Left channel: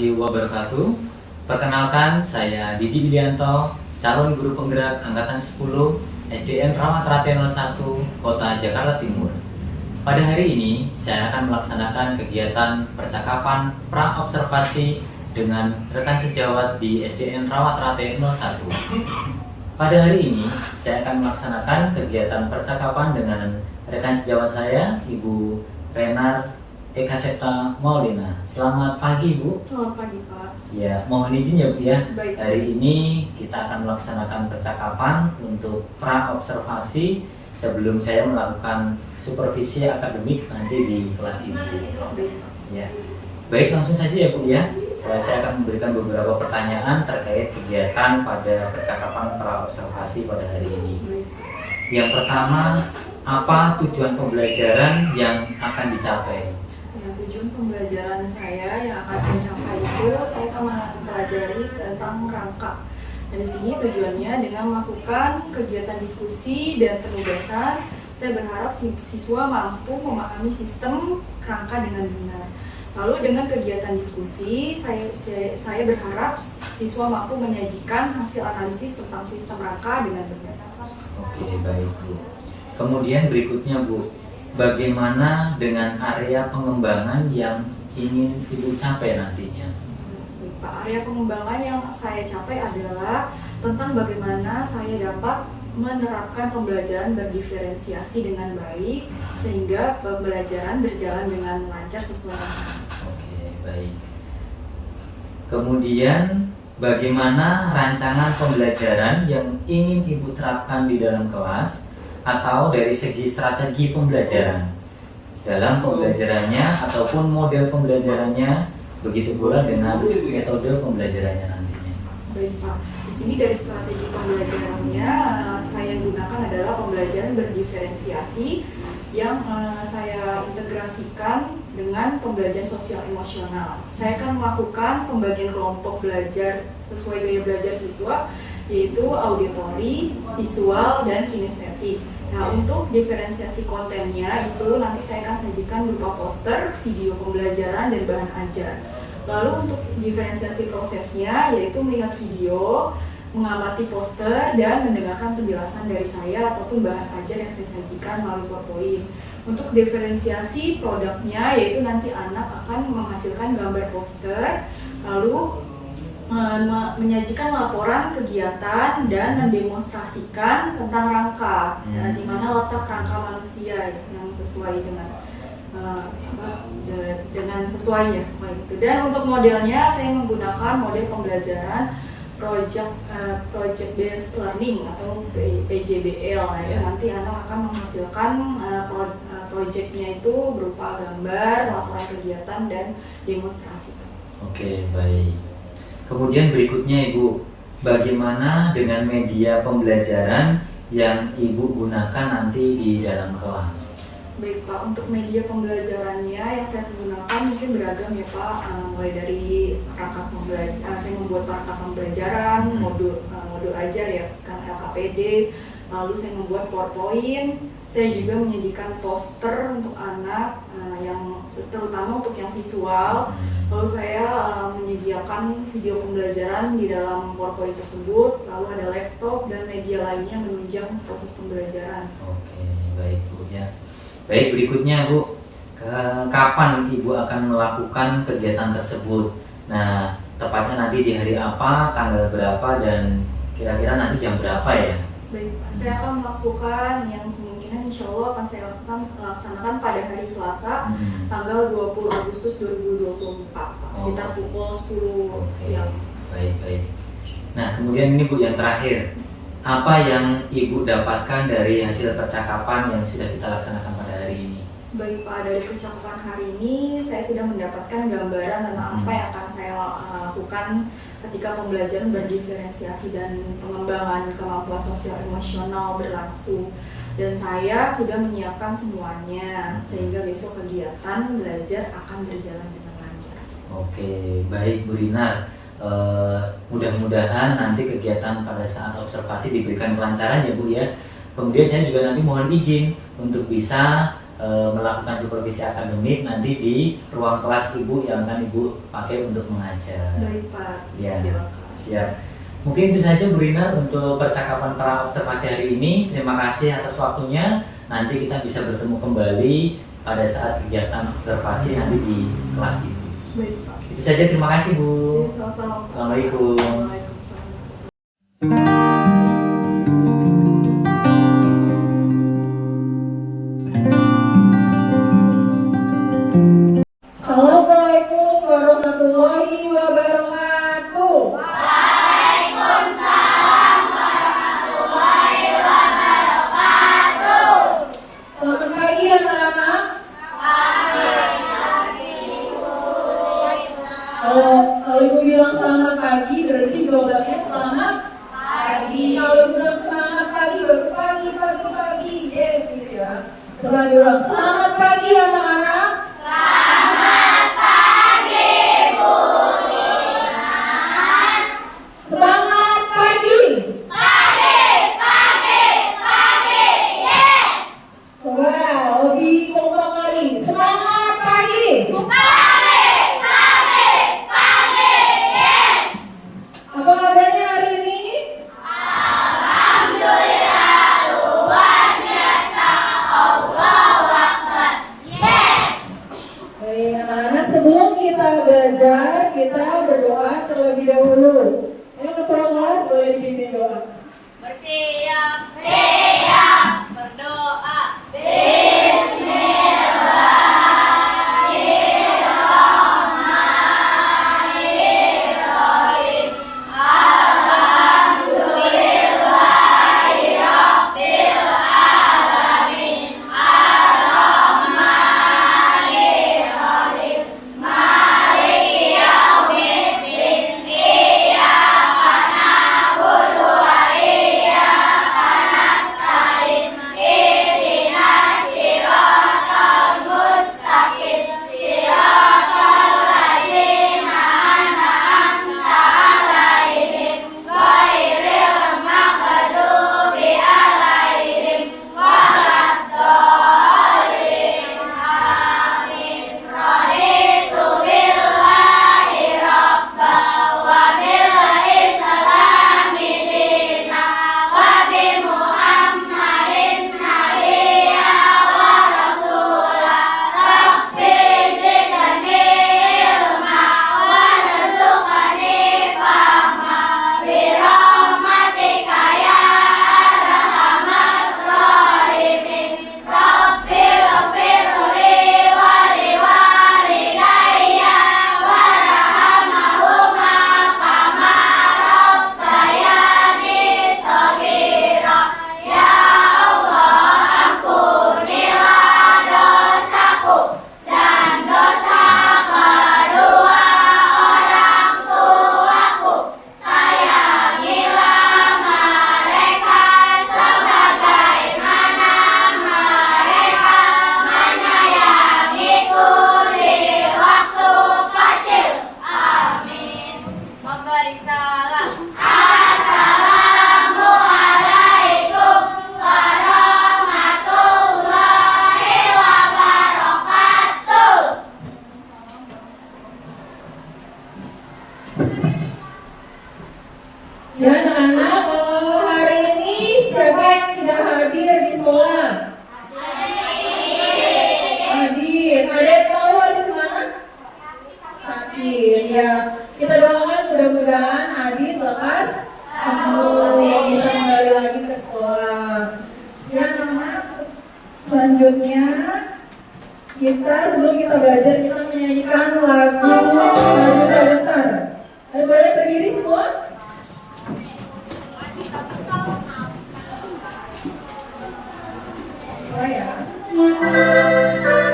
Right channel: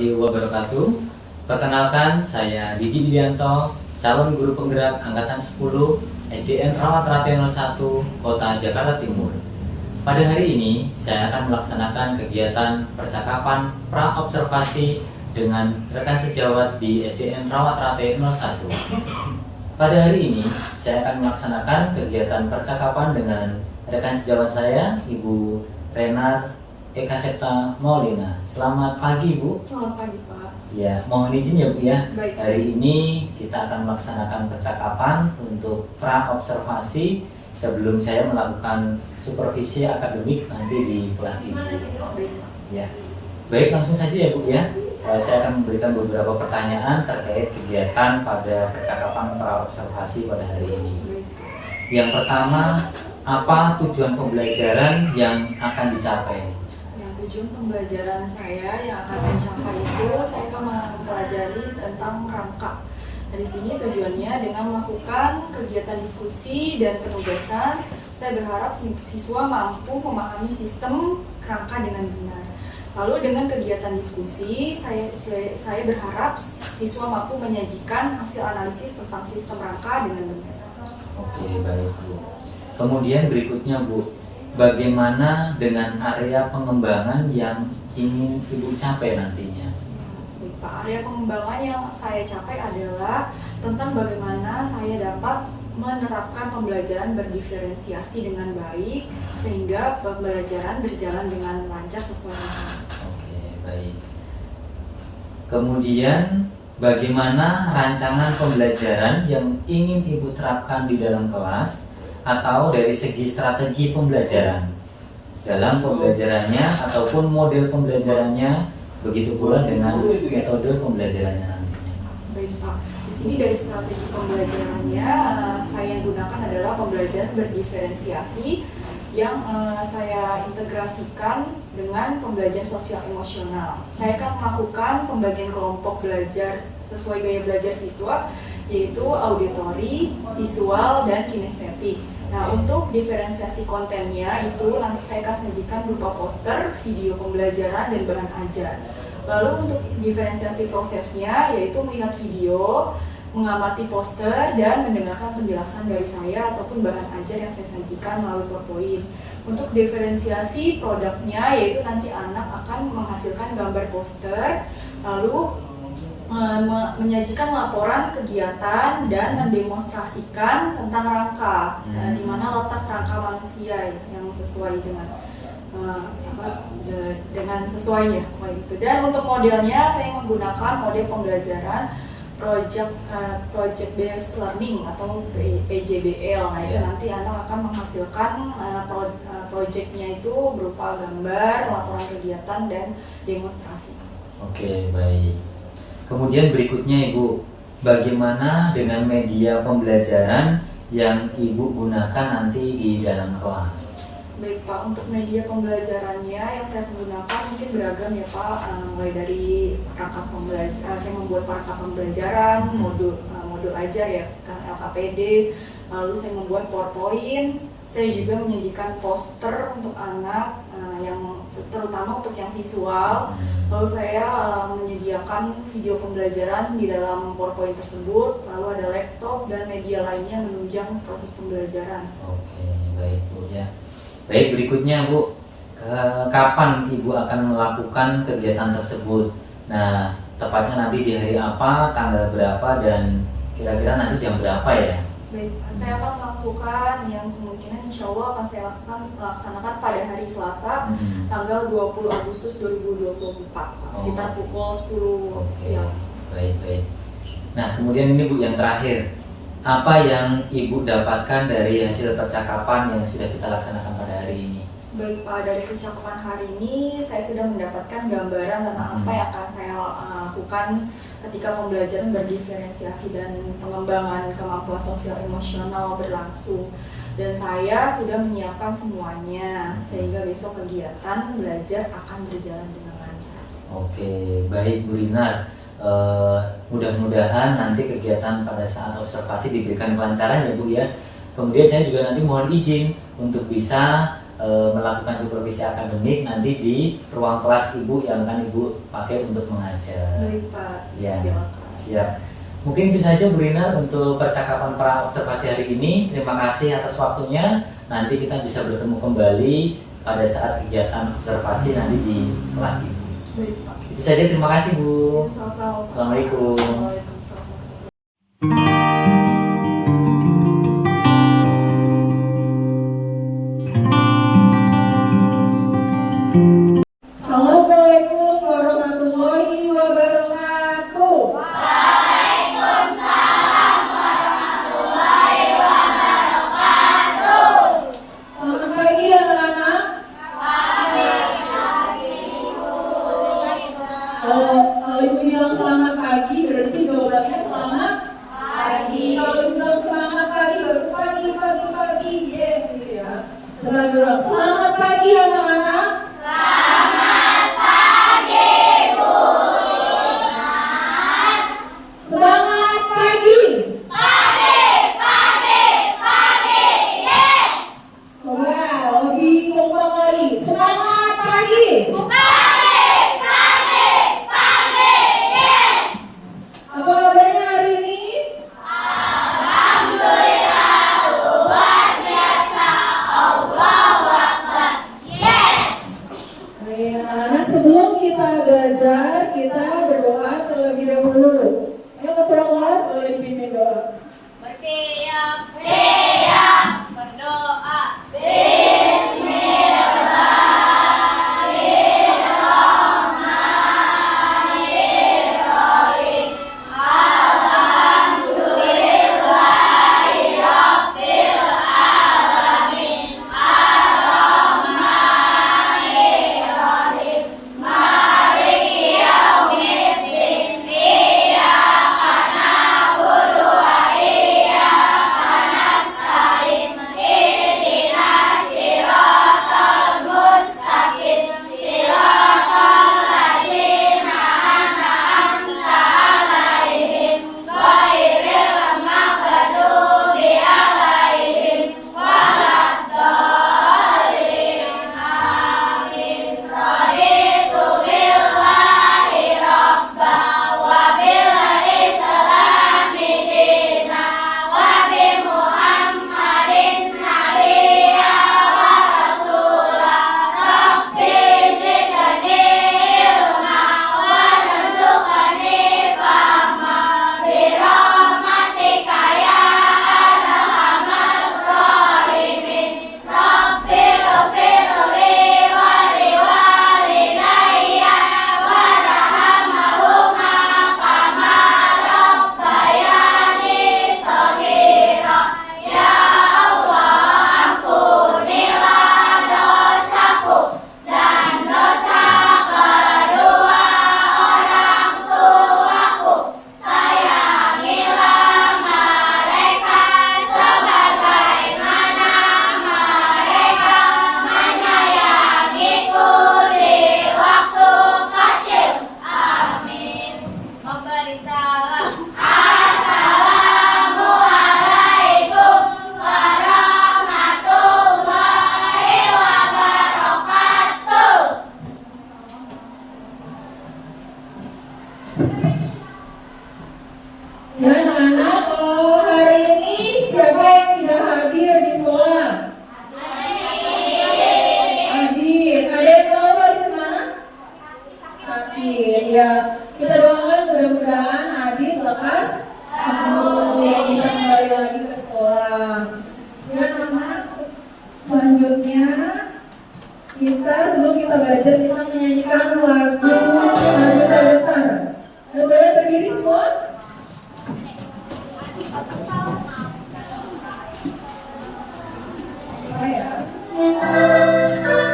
warahmatullahi wabarakatuh. Perkenalkan, saya Didi Widianto, calon guru penggerak Angkatan 10 SDN Rawat Rate 01, Kota Jakarta Timur. Pada hari ini, saya akan melaksanakan kegiatan percakapan pra-observasi dengan rekan sejawat di SDN Rawat Rate 01. Pada hari ini, saya akan melaksanakan kegiatan percakapan dengan rekan sejawat saya, Ibu Renar Eka Septa Maulina. Selamat pagi, Bu. Selamat pagi, Pak. Ya, mohon izin ya, Bu ya. Baik. Hari ini kita akan melaksanakan percakapan untuk pra-observasi sebelum saya melakukan supervisi akademik nanti di kelas Ibu. Baik, Pak. Ya. Baik, langsung saja ya, Bu ya. Saya akan memberikan beberapa pertanyaan terkait kegiatan pada percakapan pra-observasi pada hari ini. Baik. Yang pertama, apa tujuan pembelajaran yang akan dicapai? Yang tujuan pembelajaran saya yang akan saya capai itu, saya akan mempelajari tentang rangka. Dari sini tujuannya dengan melakukan kegiatan diskusi dan penugasan, saya berharap siswa mampu memahami sistem rangka dengan benar. Lalu dengan kegiatan diskusi, saya berharap siswa mampu menyajikan hasil analisis tentang sistem rangka dengan benar. Oke, baik, Bu. Kemudian berikutnya, Bu, bagaimana dengan area pengembangan yang ingin Ibu capai nantinya? Baik, Pak. Area pengembangan yang saya capai adalah tentang bagaimana saya dapat menerapkan pembelajaran berdiferensiasi dengan baik sehingga pembelajaran berjalan dengan lancar sesuai rencana. Oke, baik. Kemudian bagaimana rancangan pembelajaran yang ingin Ibu terapkan di dalam kelas atau dari segi strategi pembelajaran dalam pembelajarannya ataupun model pembelajarannya, begitu pula dengan metode pembelajarannya nantinya. Baik, Pak. Di sini dari strategi pembelajarannya saya gunakan adalah pembelajaran berdiferensiasi yang saya integrasikan dengan pembelajaran sosial emosional. Saya akan melakukan pembagian kelompok belajar sesuai gaya belajar siswa, yaitu auditori, visual, dan kinestetik. Nah, untuk diferensiasi kontennya itu nanti saya akan sajikan berupa poster, video pembelajaran, dan bahan ajar. Lalu untuk diferensiasi prosesnya yaitu melihat video, mengamati poster, dan mendengarkan penjelasan dari saya ataupun bahan ajar yang saya sajikan melalui PowerPoint. Untuk diferensiasi produknya yaitu nanti anak akan menghasilkan gambar poster, lalu menyajikan laporan kegiatan dan mendemonstrasikan tentang rangka, di mana letak rangka manusia yang sesuai dengan sesuainya. Dan untuk modelnya saya menggunakan model pembelajaran project based learning atau PJBL. Nah, itu nanti anak akan menghasilkan projectnya itu berupa gambar, laporan kegiatan, dan demonstrasi. Oke, baik. Kemudian berikutnya, Ibu, bagaimana dengan media pembelajaran yang Ibu gunakan nanti di dalam kelas? Baik, Pak, untuk media pembelajarannya yang saya gunakan mungkin beragam ya, Pak. Mulai dari perangkat pembelajaran, saya membuat perangkat pembelajaran, modul ajar ya, sekarang LKPD. Lalu saya membuat PowerPoint. Saya juga menyajikan poster untuk anak, yang terutama untuk yang visual. Lalu saya menyediakan video pembelajaran di dalam PowerPoint tersebut. Lalu ada laptop dan media lainnya menunjang proses pembelajaran. Oke, baik, Bu ya. Baik, berikutnya, Bu, kapan Ibu akan melakukan kegiatan tersebut? Nah, tepatnya nanti di hari apa, tanggal berapa, dan kira-kira nanti jam berapa ya? Baik, saya akan melakukan yang kemungkinan insya Allah akan saya laksanakan pada hari Selasa, tanggal 20 Agustus 2024, sekitar pukul 10 siang. Baik. Nah, kemudian ini, Bu, yang terakhir. Apa yang Ibu dapatkan dari hasil percakapan yang sudah kita laksanakan pada hari ini? Baik, Pak, dari percakapan hari ini saya sudah mendapatkan gambaran tentang apa yang akan saya lakukan ketika pembelajaran berdiferensiasi dan pengembangan kemampuan sosial emosional berlangsung. Dan saya sudah menyiapkan semuanya sehingga besok kegiatan belajar akan berjalan dengan lancar. Oke, baik, Bu Rinar. Mudah-mudahan nanti kegiatan pada saat observasi diberikan kelancaran ya, Bu ya. Kemudian saya juga nanti mohon izin untuk bisa melakukan supervisi akademik nanti di ruang kelas Ibu yang akan Ibu pakai untuk mengajar. Baik Pak, Ya, silakan. siap. Mungkin itu saja Bu Rina untuk percakapan pra observasi hari ini. Terima kasih atas waktunya. Nanti kita bisa bertemu kembali pada saat kegiatan observasi nanti di kelas Ibu. Baik Pak. Itu saja, terima kasih Bu. Sama-sama. Assalamualaikum. Waalaikumsalam. Assalamualaikum warahmatullahi wabarakatuh. Selamat pagi anak-anak. Kalau ibu bilang selamat pagi berarti jawabannya selamat pagi. Kalau ibu bilang selamat pagi baru pagi. Yes gitu ya. Coba bilang selamat pagi anak-anak. Semangat pagi. Coba lebih kompak lagi. Semangat pagi. Apa kabarnya hari ini? Baik, anak-anak, sebelum kita belajar, kita berdoa terlebih dahulu. Ayo ketua kelas boleh dipimpin doa. Bersiap, berdoa. Memberi salam. Assalamualaikum warahmatullahi wabarakatuh. Ya anak-anak, hari ini siapa yang tidak hadir di sekolah? Adit. Ada yang tahu Adit kemana? Sakit. Ya, kita doakan mudah-mudahan Adit lekas sembuh, bisa kembali lagi ke sekolah. Ya anak-anak, selanjutnya kita sebelum kita belajar kita menyanyikan lagu Datar. Boleh berdiri semua? Oh ya. Membela yang benar.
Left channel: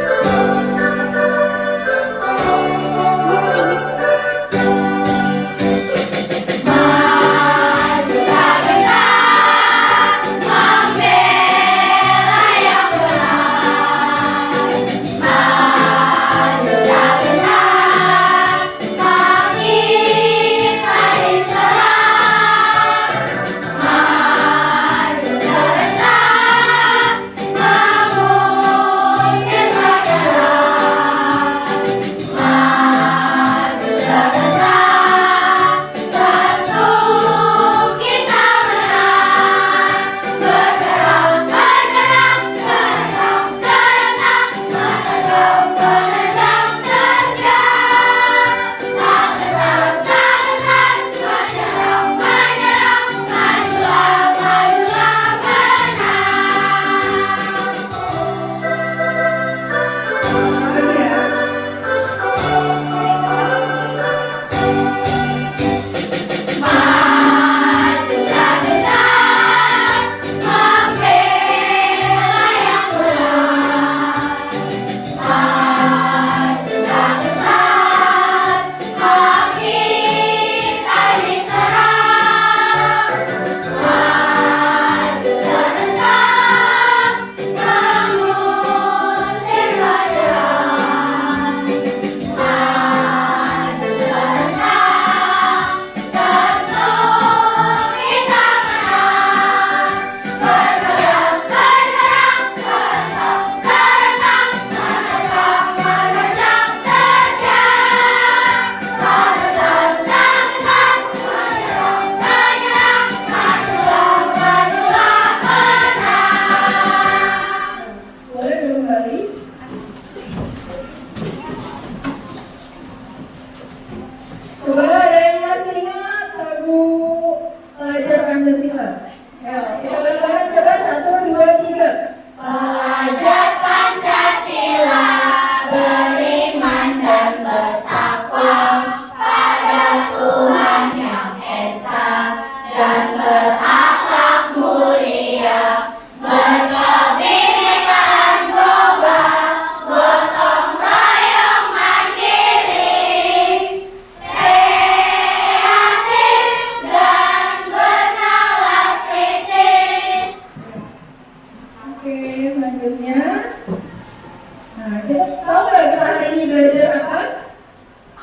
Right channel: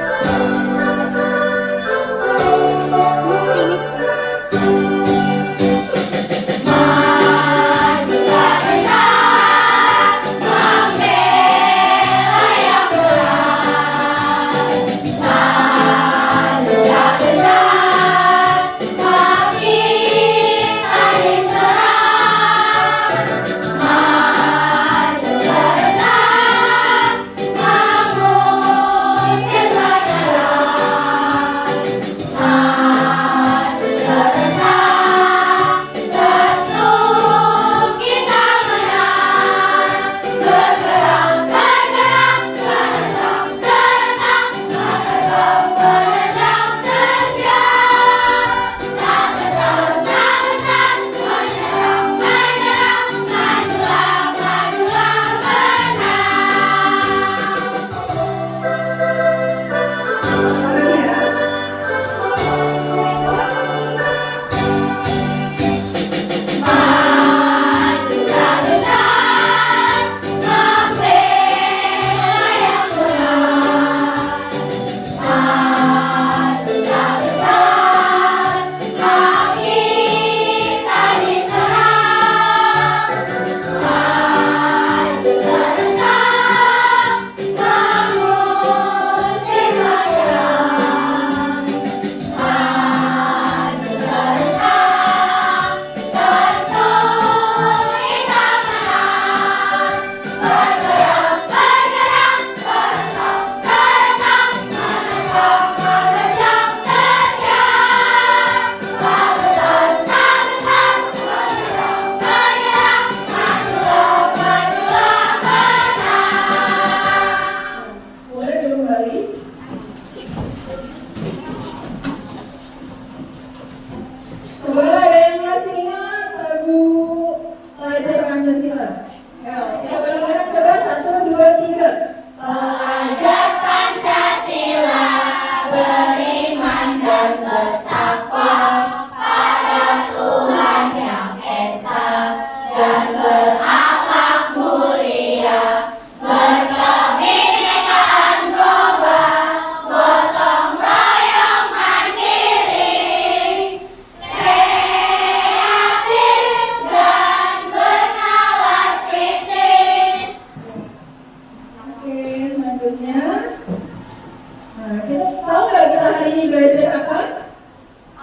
belajar apa?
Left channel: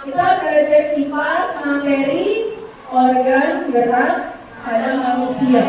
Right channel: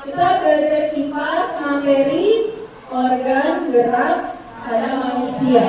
Kita belajar kipas, materi, organ gerak pada manusia.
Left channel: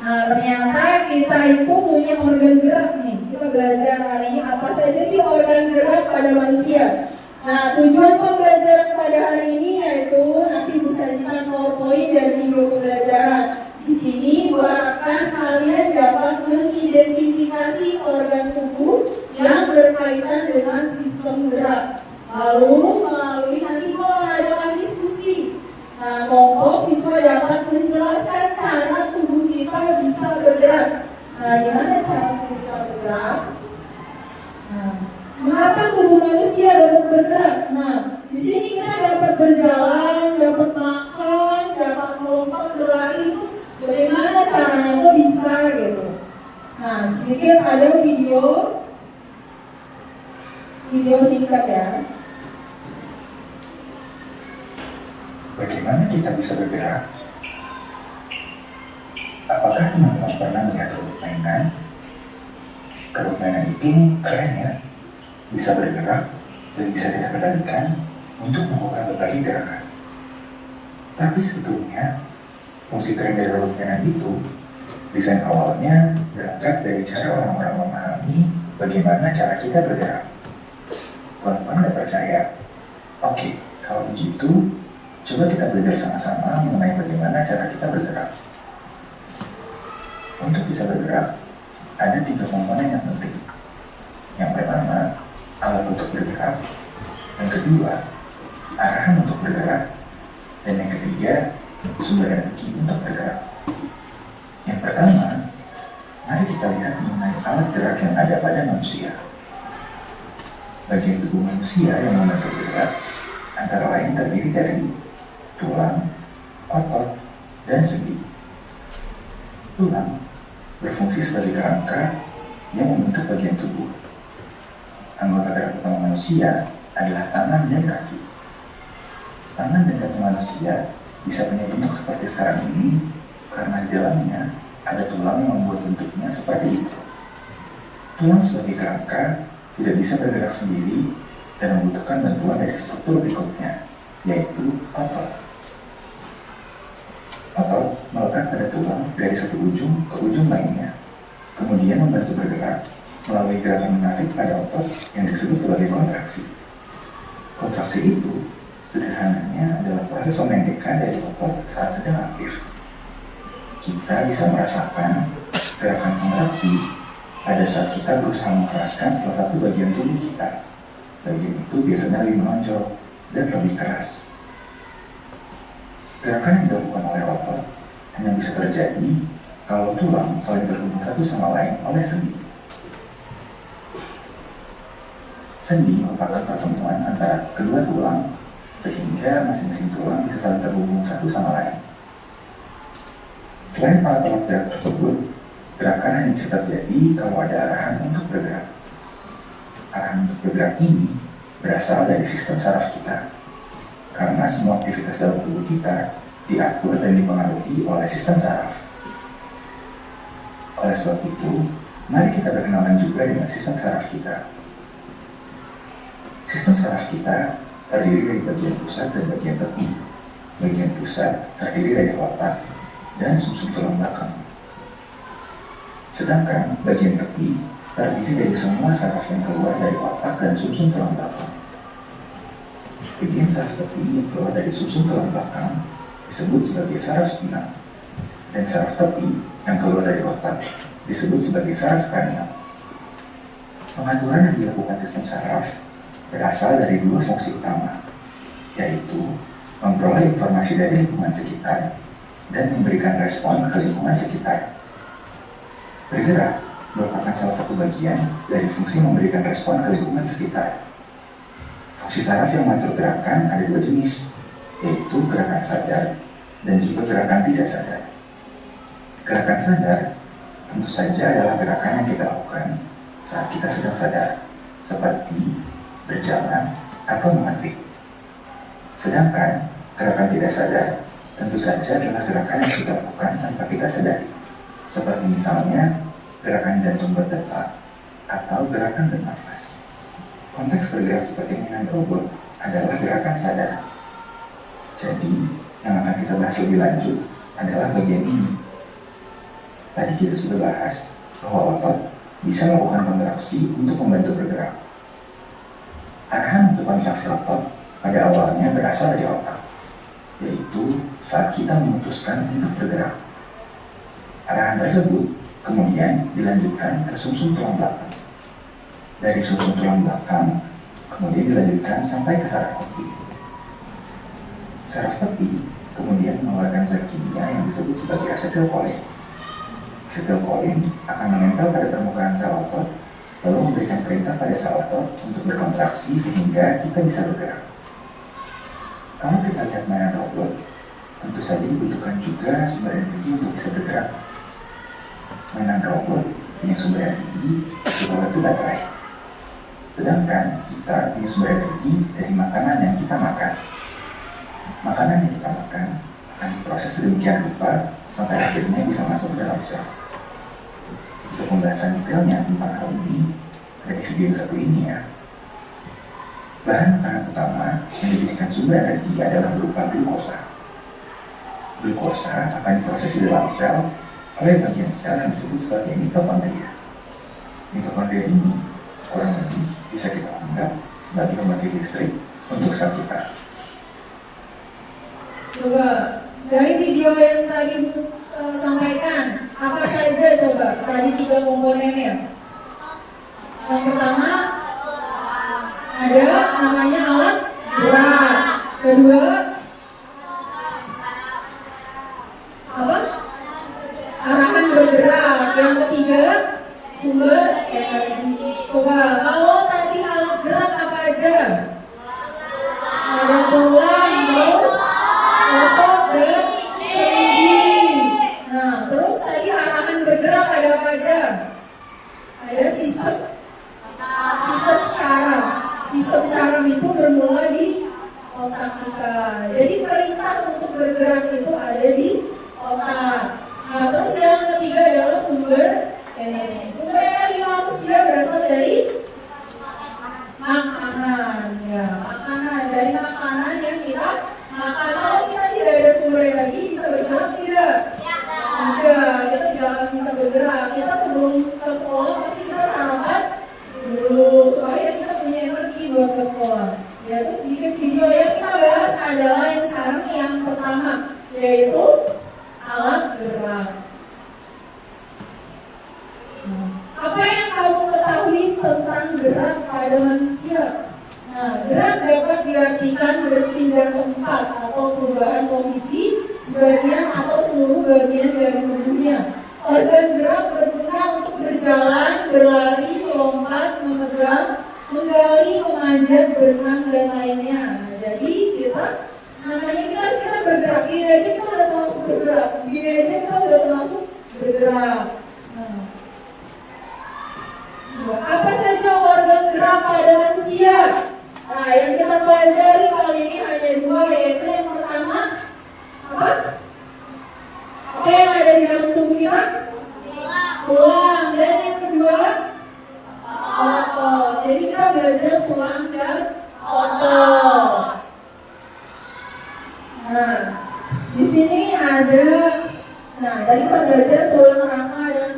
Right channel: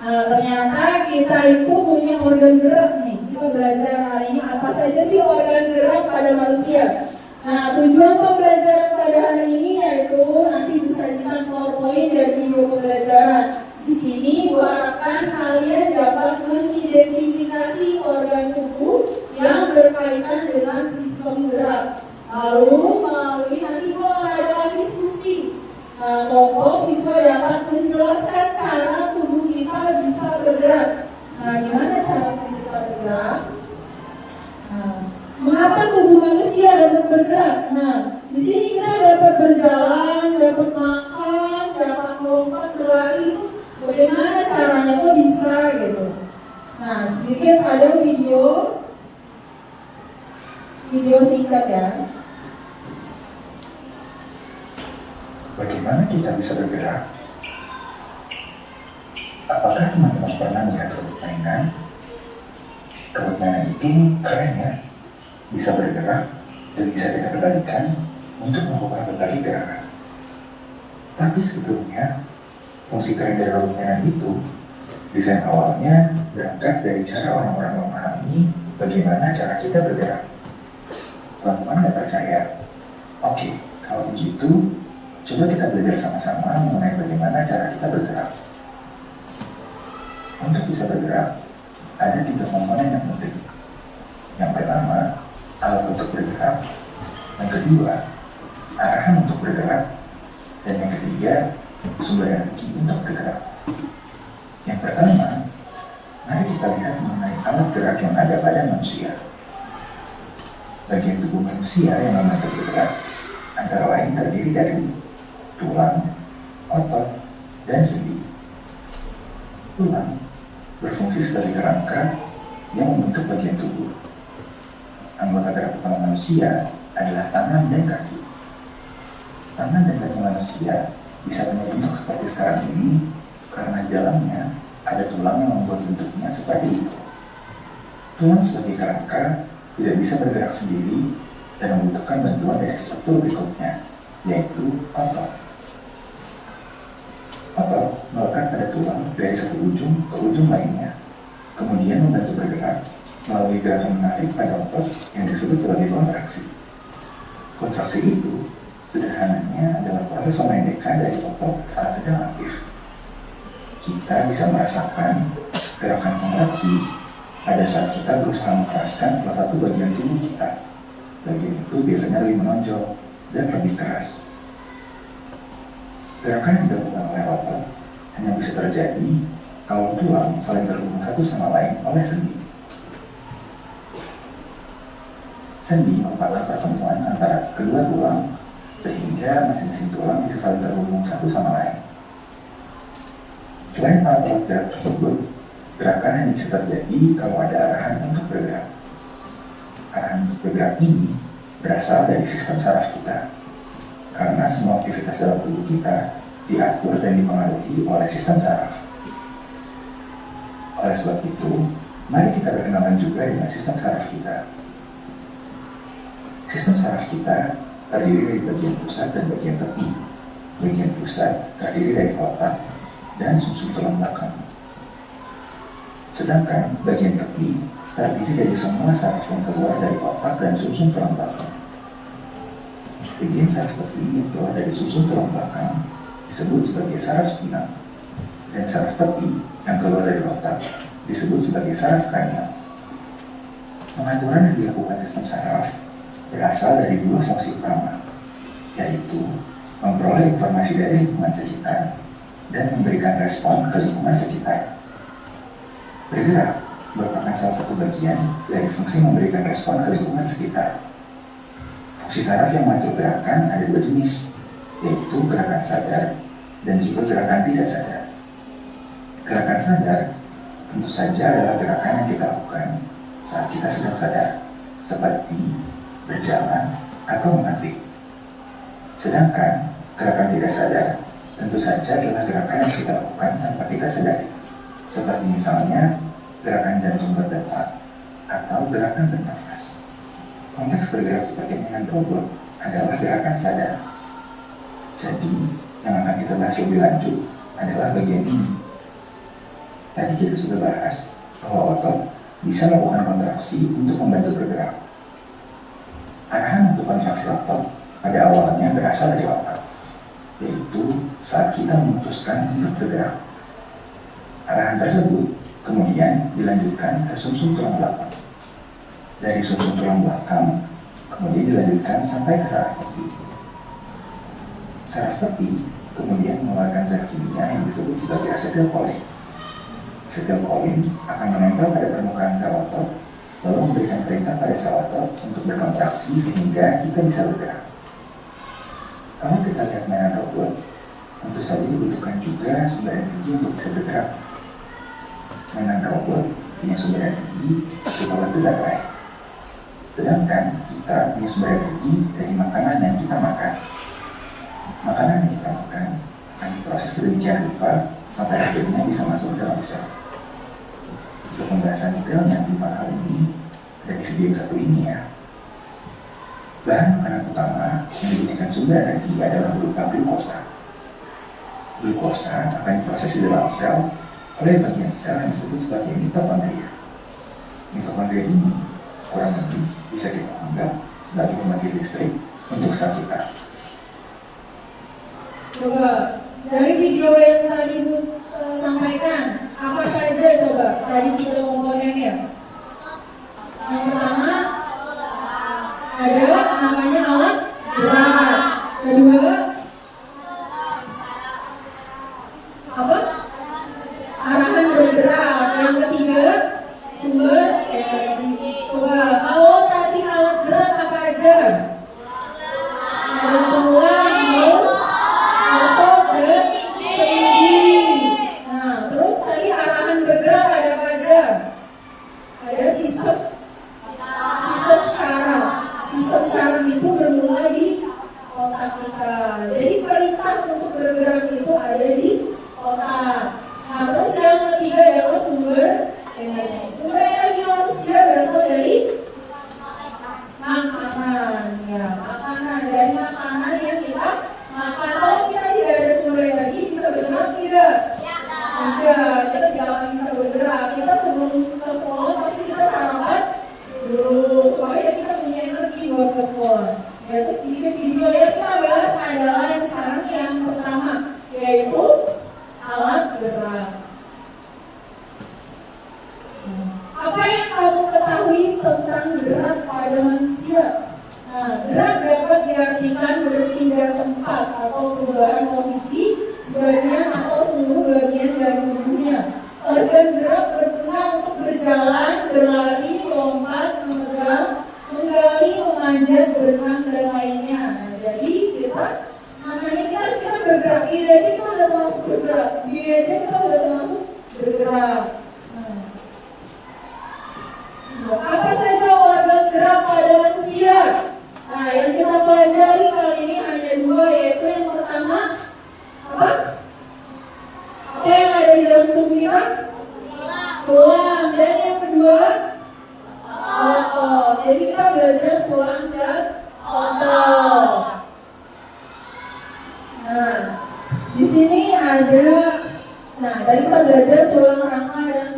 Nah, ternyata kita itu punya organ gerak nih. Kita belajar hari ini apa saja sih organ gerak pada manusia. Nah, tujuan pembelajaran pada hari ini yaitu nanti disajikan PowerPoint dan video pembelajaran. Di sini diharapkan kalian dapat mengidentifikasi organ tubuh yang berkaitan dengan sistem gerak. Lalu melalui nanti mengadakan diskusi. Nah, kelompok siswa dapat menjelaskan cara tubuh kita bisa bergerak. Nah, gimana cara tubuh kita bergerak? Nah, mengapa tubuh manusia dapat bergerak? Nah, di sini kita dapat berjalan, dapat makan, dapat melompat, berlari. Bagaimana caranya kok bisa gitu? Nah, sedikit ada video singkat ya. Bagaimana kita bisa bergerak? Apakah teman-teman pernah melihat robot mainan? Robot mainan itu keren ya, bisa bergerak dan bisa kita kendalikan untuk melakukan berbagai gerakan. Tapi sebetulnya, fungsi keren dari robot mainan itu, desain awalnya berangkat dari cara orang-orang memahami bagaimana cara kita bergerak. Teman-teman tidak percaya? Oke, kalau begitu, coba kita belajar sama-sama mengenai bagaimana cara kita bergerak. Untuk bisa bergerak, ada 3 komponen yang penting. Yang pertama, alat untuk bergerak. Yang kedua, arahan untuk bergerak. Dan yang ketiga, sumber energi untuk bergerak. Yang pertama, mari kita lihat mengenai alat gerak yang ada pada manusia. Bagian tubuh manusia yang membantu bergerak antara lain terdiri dari tulang, otot, dan sendi. Tulang berfungsi sebagai kerangka yang membentuk bagian tubuh. Anggota gerak utama manusia adalah tangan dan kaki. Tangan dan kaki manusia bisa punya bentuk seperti sekarang ini karena di dalamnya ada tulang yang membuat bentuknya seperti itu. Tulang sebagai kerangka tidak bisa bergerak sendiri dan membutuhkan bantuan dari struktur berikutnya, yaitu otot. Otot melekat pada tulang dari satu ujung ke ujung lainnya, kemudian membantu bergerak melalui gerakan menarik pada otot yang disebut sebagai kontraksi. Kontraksi itu sederhananya adalah proses pemendekan dari otot saat sedang aktif. Kita bisa merasakan gerakan kontraksi pada saat kita berusaha mengeraskan salah satu bagian tubuh kita. Bagian itu biasanya lebih menonjol dan lebih keras. Gerakan yang dilakukan oleh otot hanya bisa terjadi kalau tulang saling terhubung satu sama lain oleh sendi. Sendi merupakan pertemuan antara kedua tulang sehingga masing-masing tulang bisa saling terhubung satu sama lain. Selain alat gerak tersebut, gerakan hanya bisa terjadi kalau ada arahan untuk bergerak. Arahan untuk bergerak ini berasal dari sistem saraf kita, karena semua aktivitas dalam tubuh kita diatur dan dipengaruhi oleh sistem saraf. Oleh sebab itu, mari kita berkenalan juga dengan sistem saraf kita. Sistem saraf kita terdiri dari bagian pusat dan bagian tepi. Bagian pusat terdiri dari otak dan sumsum tulang belakang. Sedangkan bagian tepi terdiri dari semua saraf yang keluar dari otak dan sumsum tulang belakang. Bagian saraf tepi yang keluar dari sumsum tulang belakang disebut sebagai saraf spinal, dan saraf tepi yang keluar dari otak disebut sebagai saraf kranial. Pengaturan yang dilakukan sistem saraf berasal dari 2 fungsi utama, yaitu memperoleh informasi dari lingkungan sekitar dan memberikan respon ke lingkungan sekitar. Bergerak merupakan salah satu bagian dari fungsi memberikan respon ke lingkungan sekitar. Fungsi saraf yang mengatur gerakan ada 2 jenis, yaitu gerakan sadar dan juga gerakan tidak sadar. Gerakan sadar tentu saja adalah gerakan yang kita lakukan saat kita sedang sadar, seperti berjalan atau mengetik. Sedangkan gerakan tidak sadar tentu saja adalah gerakan yang kita lakukan tanpa kita sadari, seperti misalnya gerakan jantung berdetak atau gerakan bernafas. Konteks bergerak seperti mainan robot adalah gerakan sadar. Jadi, yang akan kita bahas lebih lanjut adalah bagian ini. Tadi kita sudah bahas bahwa otot bisa melakukan kontraksi untuk membantu bergerak. Arahan untuk kontraksi otot pada awalnya berasal dari otak, yaitu saat kita memutuskan untuk bergerak. Arahan tersebut kemudian dilanjutkan ke sumsum tulang belakang. Dari sumsum tulang belakang, kemudian dilanjutkan sampai ke saraf peti. Saraf peti kemudian mengeluarkan zat kimia yang disebut sebagai asetilkolin. Asetilkolin akan menempel pada permukaan sel otot, lalu memberikan perintah pada sel otot untuk berkontraksi sehingga kita bisa bergerak. Kalau kita lihat mainan robot, tentu saja dibutuhkan juga sumber energi untuk bisa bergerak. Mainan robot punya sumber energi berupa batu baterai. Sedangkan kita punya sumber energi dari makanan yang kita makan. Makanan yang kita makan akan diproses sedemikian rupa sampai akhirnya bisa masuk ke dalam sel. Untuk pembahasan detailnya tentang hal ini dari video yang satu ini ya. Bahan makanan utama yang dijadikan sumber energi adalah berupa glukosa. Glukosa akan diproses di dalam sel oleh bagian sel yang disebut sebagai mitokondria. Mitokondria ini kurang lebih bisa kita anggap sebagai pembangkit listrik untuk sel kita. Coba dari video yang tadi Bu sampaikan, apa saja coba tadi 3 komponennya? Yang pertama ada namanya alat gerak. Kedua apa? Arahan bergerak. Yang ketiga sumber energi. Coba kalau tadi alat gerak apa aja? Ada tulang, mouse, otot, dan sendi. Nah, terus tadi arahan bergerak ada apa aja? Ada sistem syaraf. Sistem syaraf itu bermula di otak kita. Jadi perintah untuk bergerak itu ada di otak. Nah, terus yang ketiga adalah sumber energi. Sumber energi manusia berasal dari makanan. Ya, makanan. Dari makanan yang kita makan. Kalau kita tidak ada sumber energi, bisa bergerak tidak? Tidak, kita tidak akan bisa bergerak. Kita sebelum ke sekolah pasti kita sarapan dulu supaya kita punya energi buat ke sekolah. Ya, terus sedikit video yang kita bahas adalah yang sekarang yang pertama, yaitu alat gerak. Apa yang kamu ketahui tentang gerak pada manusia? Nah, gerak dapat diartikan berpindah tempat atau perubahan posisi sebagian atau seluruh bagian dari tubuhnya. Organ gerak berguna untuk berjalan, berlari, melompat, memegang, menggali, memanjat, berenang, dan lainnya. Nah, jadi namanya kita bergerak. Gini aja kita udah termasuk bergerak. Gini aja kita udah termasuk bergerak. Apa saja organ gerak pada manusia? Nah, yang kita pelajari kali ini hanya 2, yaitu yang pertama apa? Apa yang ada di dalam tubuh kita? Tulang. Dan yang kedua otot. Jadi kita belajar tulang dan otot. Nah, di sini ada. Nah, tadi kita belajar tulang rangka dan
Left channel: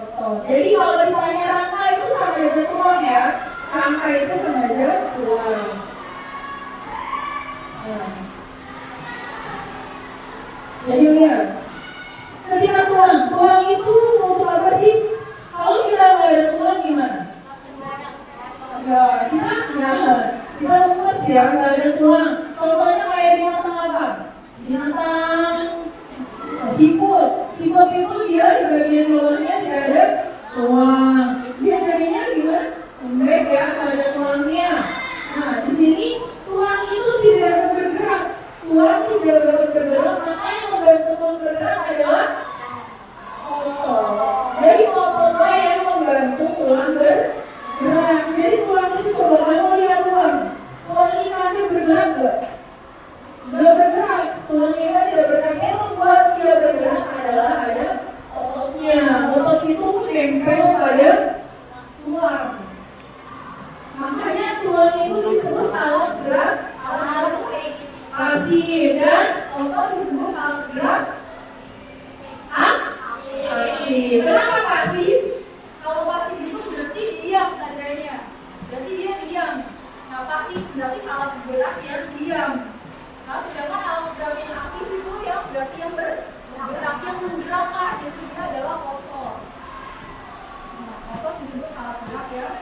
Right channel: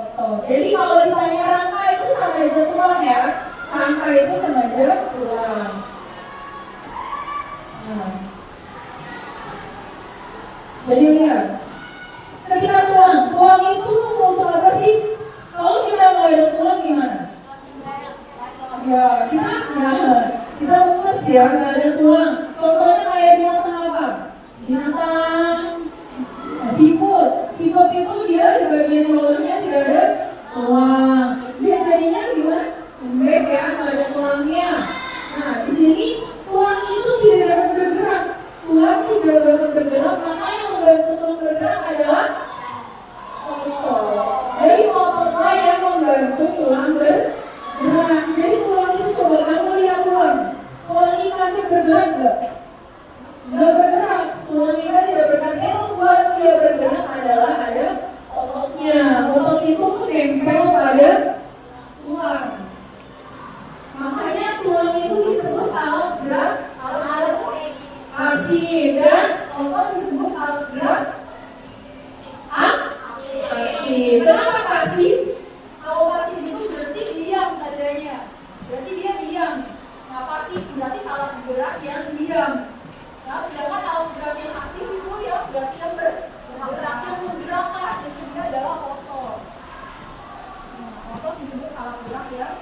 otot. Jadi kalau ditanya rangka itu sama aja tulang ya. Rangka itu sama aja tulang. Nah. Jadi lihat. Ketika tulang itu untuk apa sih? Kalau kita nggak ada tulang gimana? Ya, kita lemes ya, nggak ada tulang. Contohnya kayak binatang apa? Binatang siput. Siput itu dia di bagian bawahnya tidak ada tulang. Dia jadinya gimana? Lembek ya, nggak ada tulangnya. Nah, di sini tulang itu tidak dapat bergerak. Tulang tidak dapat bergerak, maka yang membantu tulang bergerak adalah otot. Jadi ototlah yang membantu tulang bergerak. Jadi tulang itu coba kamu lihat tulang. Tulang ikannya bergerak nggak? Nggak bergerak. Tulang ikan tidak bergerak. Yang membuat dia bergerak adalah ada ototnya. Otot itu menempel pada tulang. Makanya ya.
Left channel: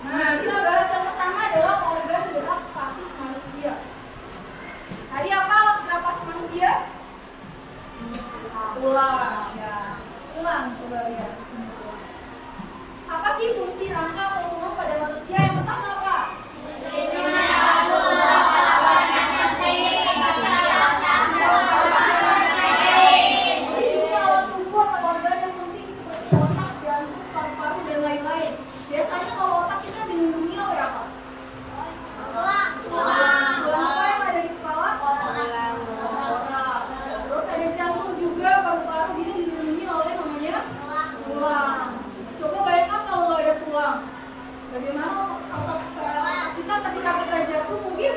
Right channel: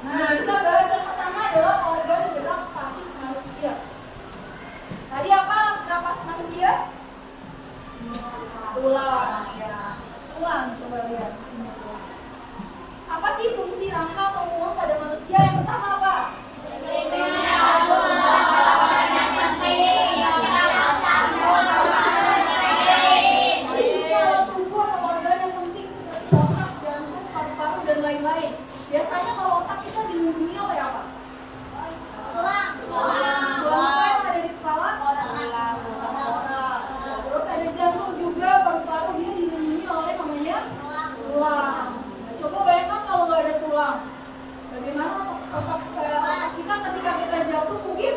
Nah, kita bahas yang pertama adalah organ gerak pasif manusia. Tadi apa gerak pasif manusia? Tulang, ya. Tulang, coba lihat. Apa sih fungsi rangka atau tulang pada manusia? Yang pertama apa? Lain-lain. Biasanya kalau otak kita dilindungi oleh apa? Tulang. Apa yang ada di kepala? Otak. Terus ada jantung juga, paru-paru dia dilindungi oleh namanya tulang. Nah, coba bayangkan kalau nggak ada tulang, bagaimana otak kita ketika kita jatuh mungkin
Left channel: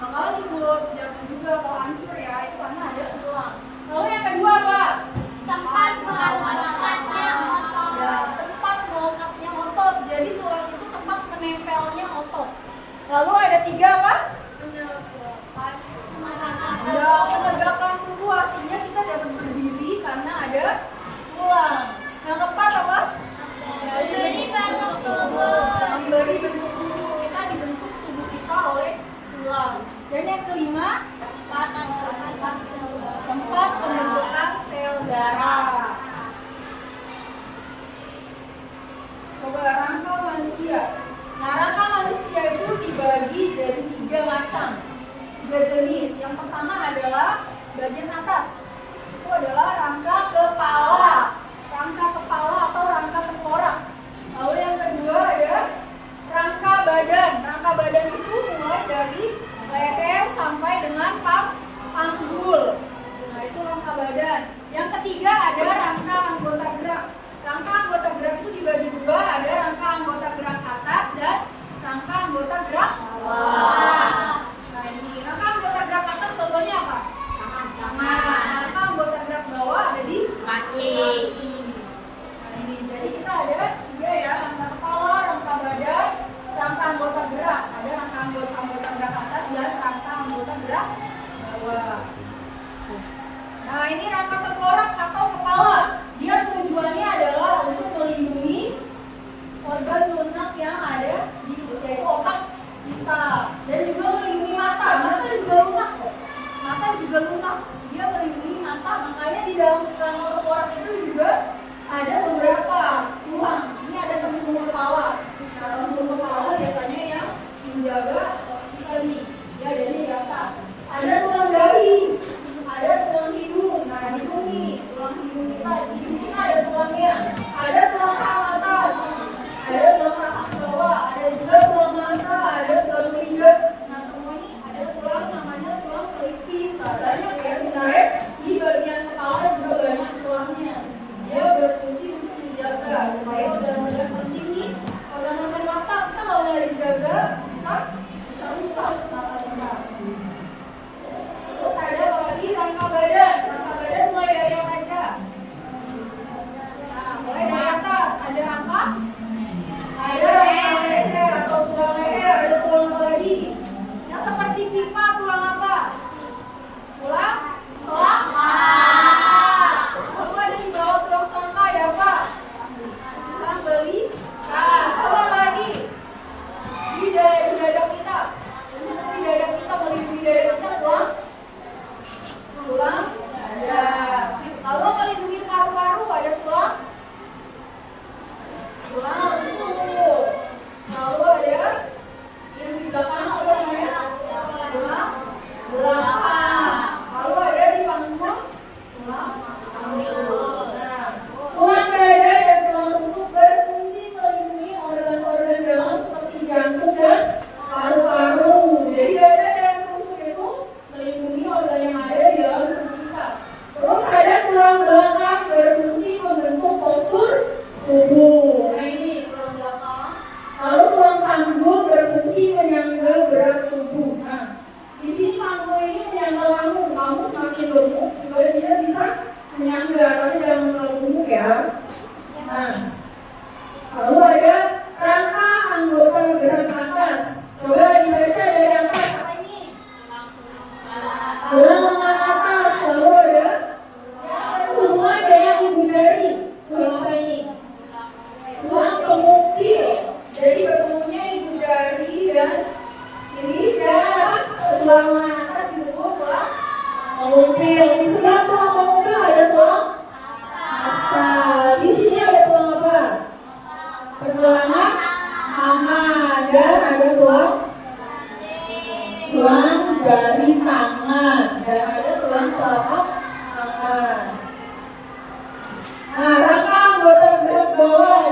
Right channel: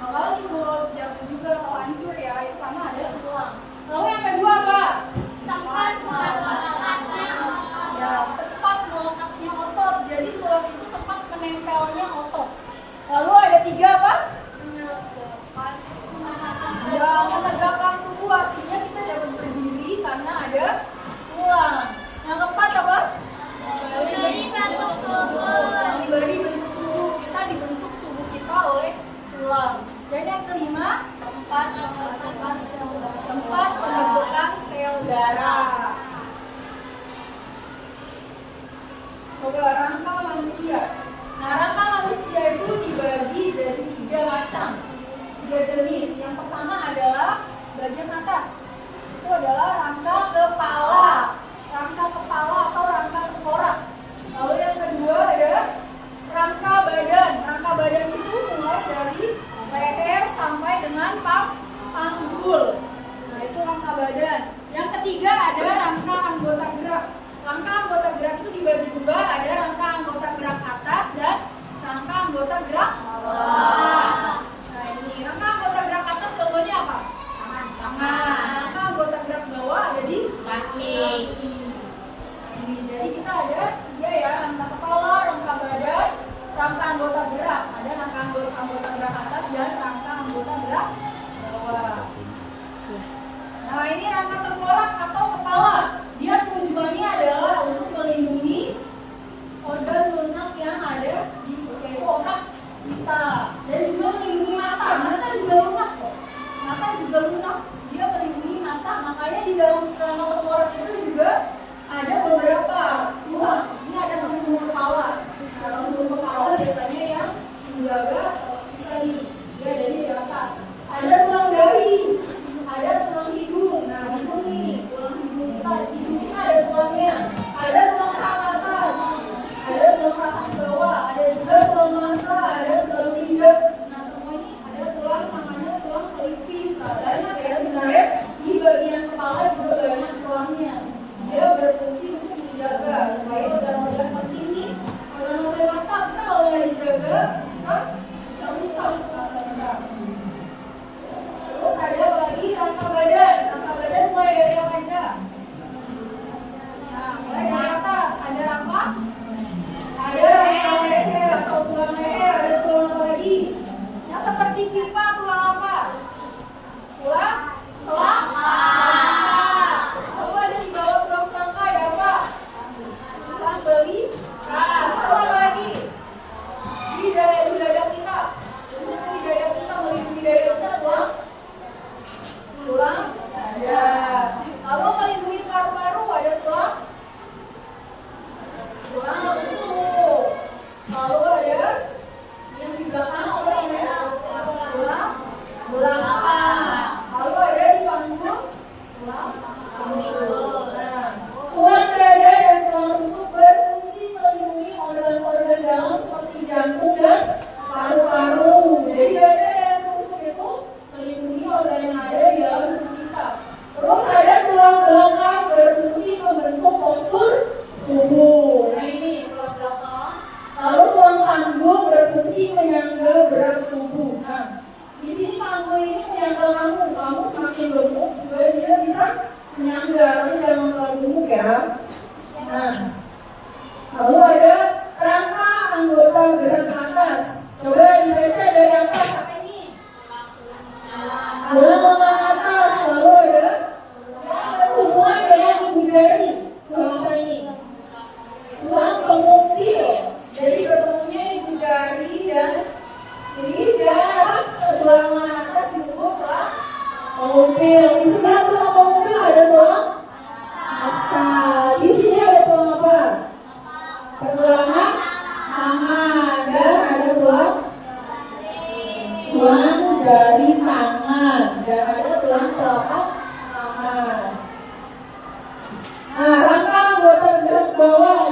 bakalan dibuat jatuh juga kalau hancur ya, itu karena ada tulang. Lalu yang kedua apa? Tempat Melekatnya otot, jadi tulang itu tempat menempelnya otot. Lalu ada tiga apa? Ya, menegakkan tubuh, artinya kita dapat berdiri karena ada tulang. Yang keempat apa? Diberi bentuk tubuh. Diberi bentuk tubuh, kita dibentuk tubuh kita oleh tulang. Dan yang kelima, tempat pembentukan sel darah. Coba rangka manusia. Nah, rangka manusia itu dibagi jadi 3 macam, 3 jenis. Yang pertama adalah bagian atas. Itu adalah rangka kepala, atau rangka tengkorak. Lalu yang kedua ada rangka badan. Rangka badan itu mulai dari leher sampai dengan panggul. Nah, itu rangka badan. Yang ketiga ada rangka anggota gerak. Rangka anggota gerak itu dibagi 2, ada rangka anggota gerak atas dan rangka anggota gerak bawah. Nah, ini rangka anggota gerak atas contohnya apa? Tangan. Rangka anggota gerak bawah ada di Kaki. Nah, ini jadi kita ada 3 ya, rangka kepala, rangka badan, rangka anggota gerak. Ada rangka anggota gerak atas dan rangka anggota gerak bawah. Nah, ini rangka tengkorak atau kepala. Dia tujuannya adalah untuk melindungi organ lunak yang ada di yaitu otak kita, dan juga melindungi mata. Mata juga lunak kok. Mata juga lunak. Dia melindungi mata. Makanya di dalam rangka tengkorak itu juga ada beberapa tulang. Ini ada pembuluh kepala. Nah, pembuluh kepala biasanya yang menjaga kita nih. Dia ada di atas. Ada tulang dahi. Ada tulang hidung. Nah, hidung nih, tulang hidung kita. Hidung kita ada tulangnya. Ada tulang rahang atas. Ada tulang rahang bawah. Ada juga tulang mata. Ada tulang lidah. Nah, semua ini ada tulang namanya tulang pelipis. Nah, banyak ya sebenarnya. Di bagian kepala juga banyak tulangnya. Dia berfungsi untuk menjaga supaya organ-organ penting nih, organ-organ mata kita kalau nggak dijaga bisa rusak mata kita. Terus ada lagi rangka badan. Rangka badan mulai dari apa aja? Nah, mulai dari atas ada rangka leher atau tulang leher. Ada tulang apa lagi? Yang seperti pipa, tulang apa? Tulang selangka. Lalu ada di bawah tulang selangka ada apa? Tulang belikat. Apa lagi? Di dada kita. Di dada kita, melindungi dada kita tulang dada. Lalu melindungi paru-paru ada tulang rusuk. Lalu ada yang di belakang apa namanya? Tulang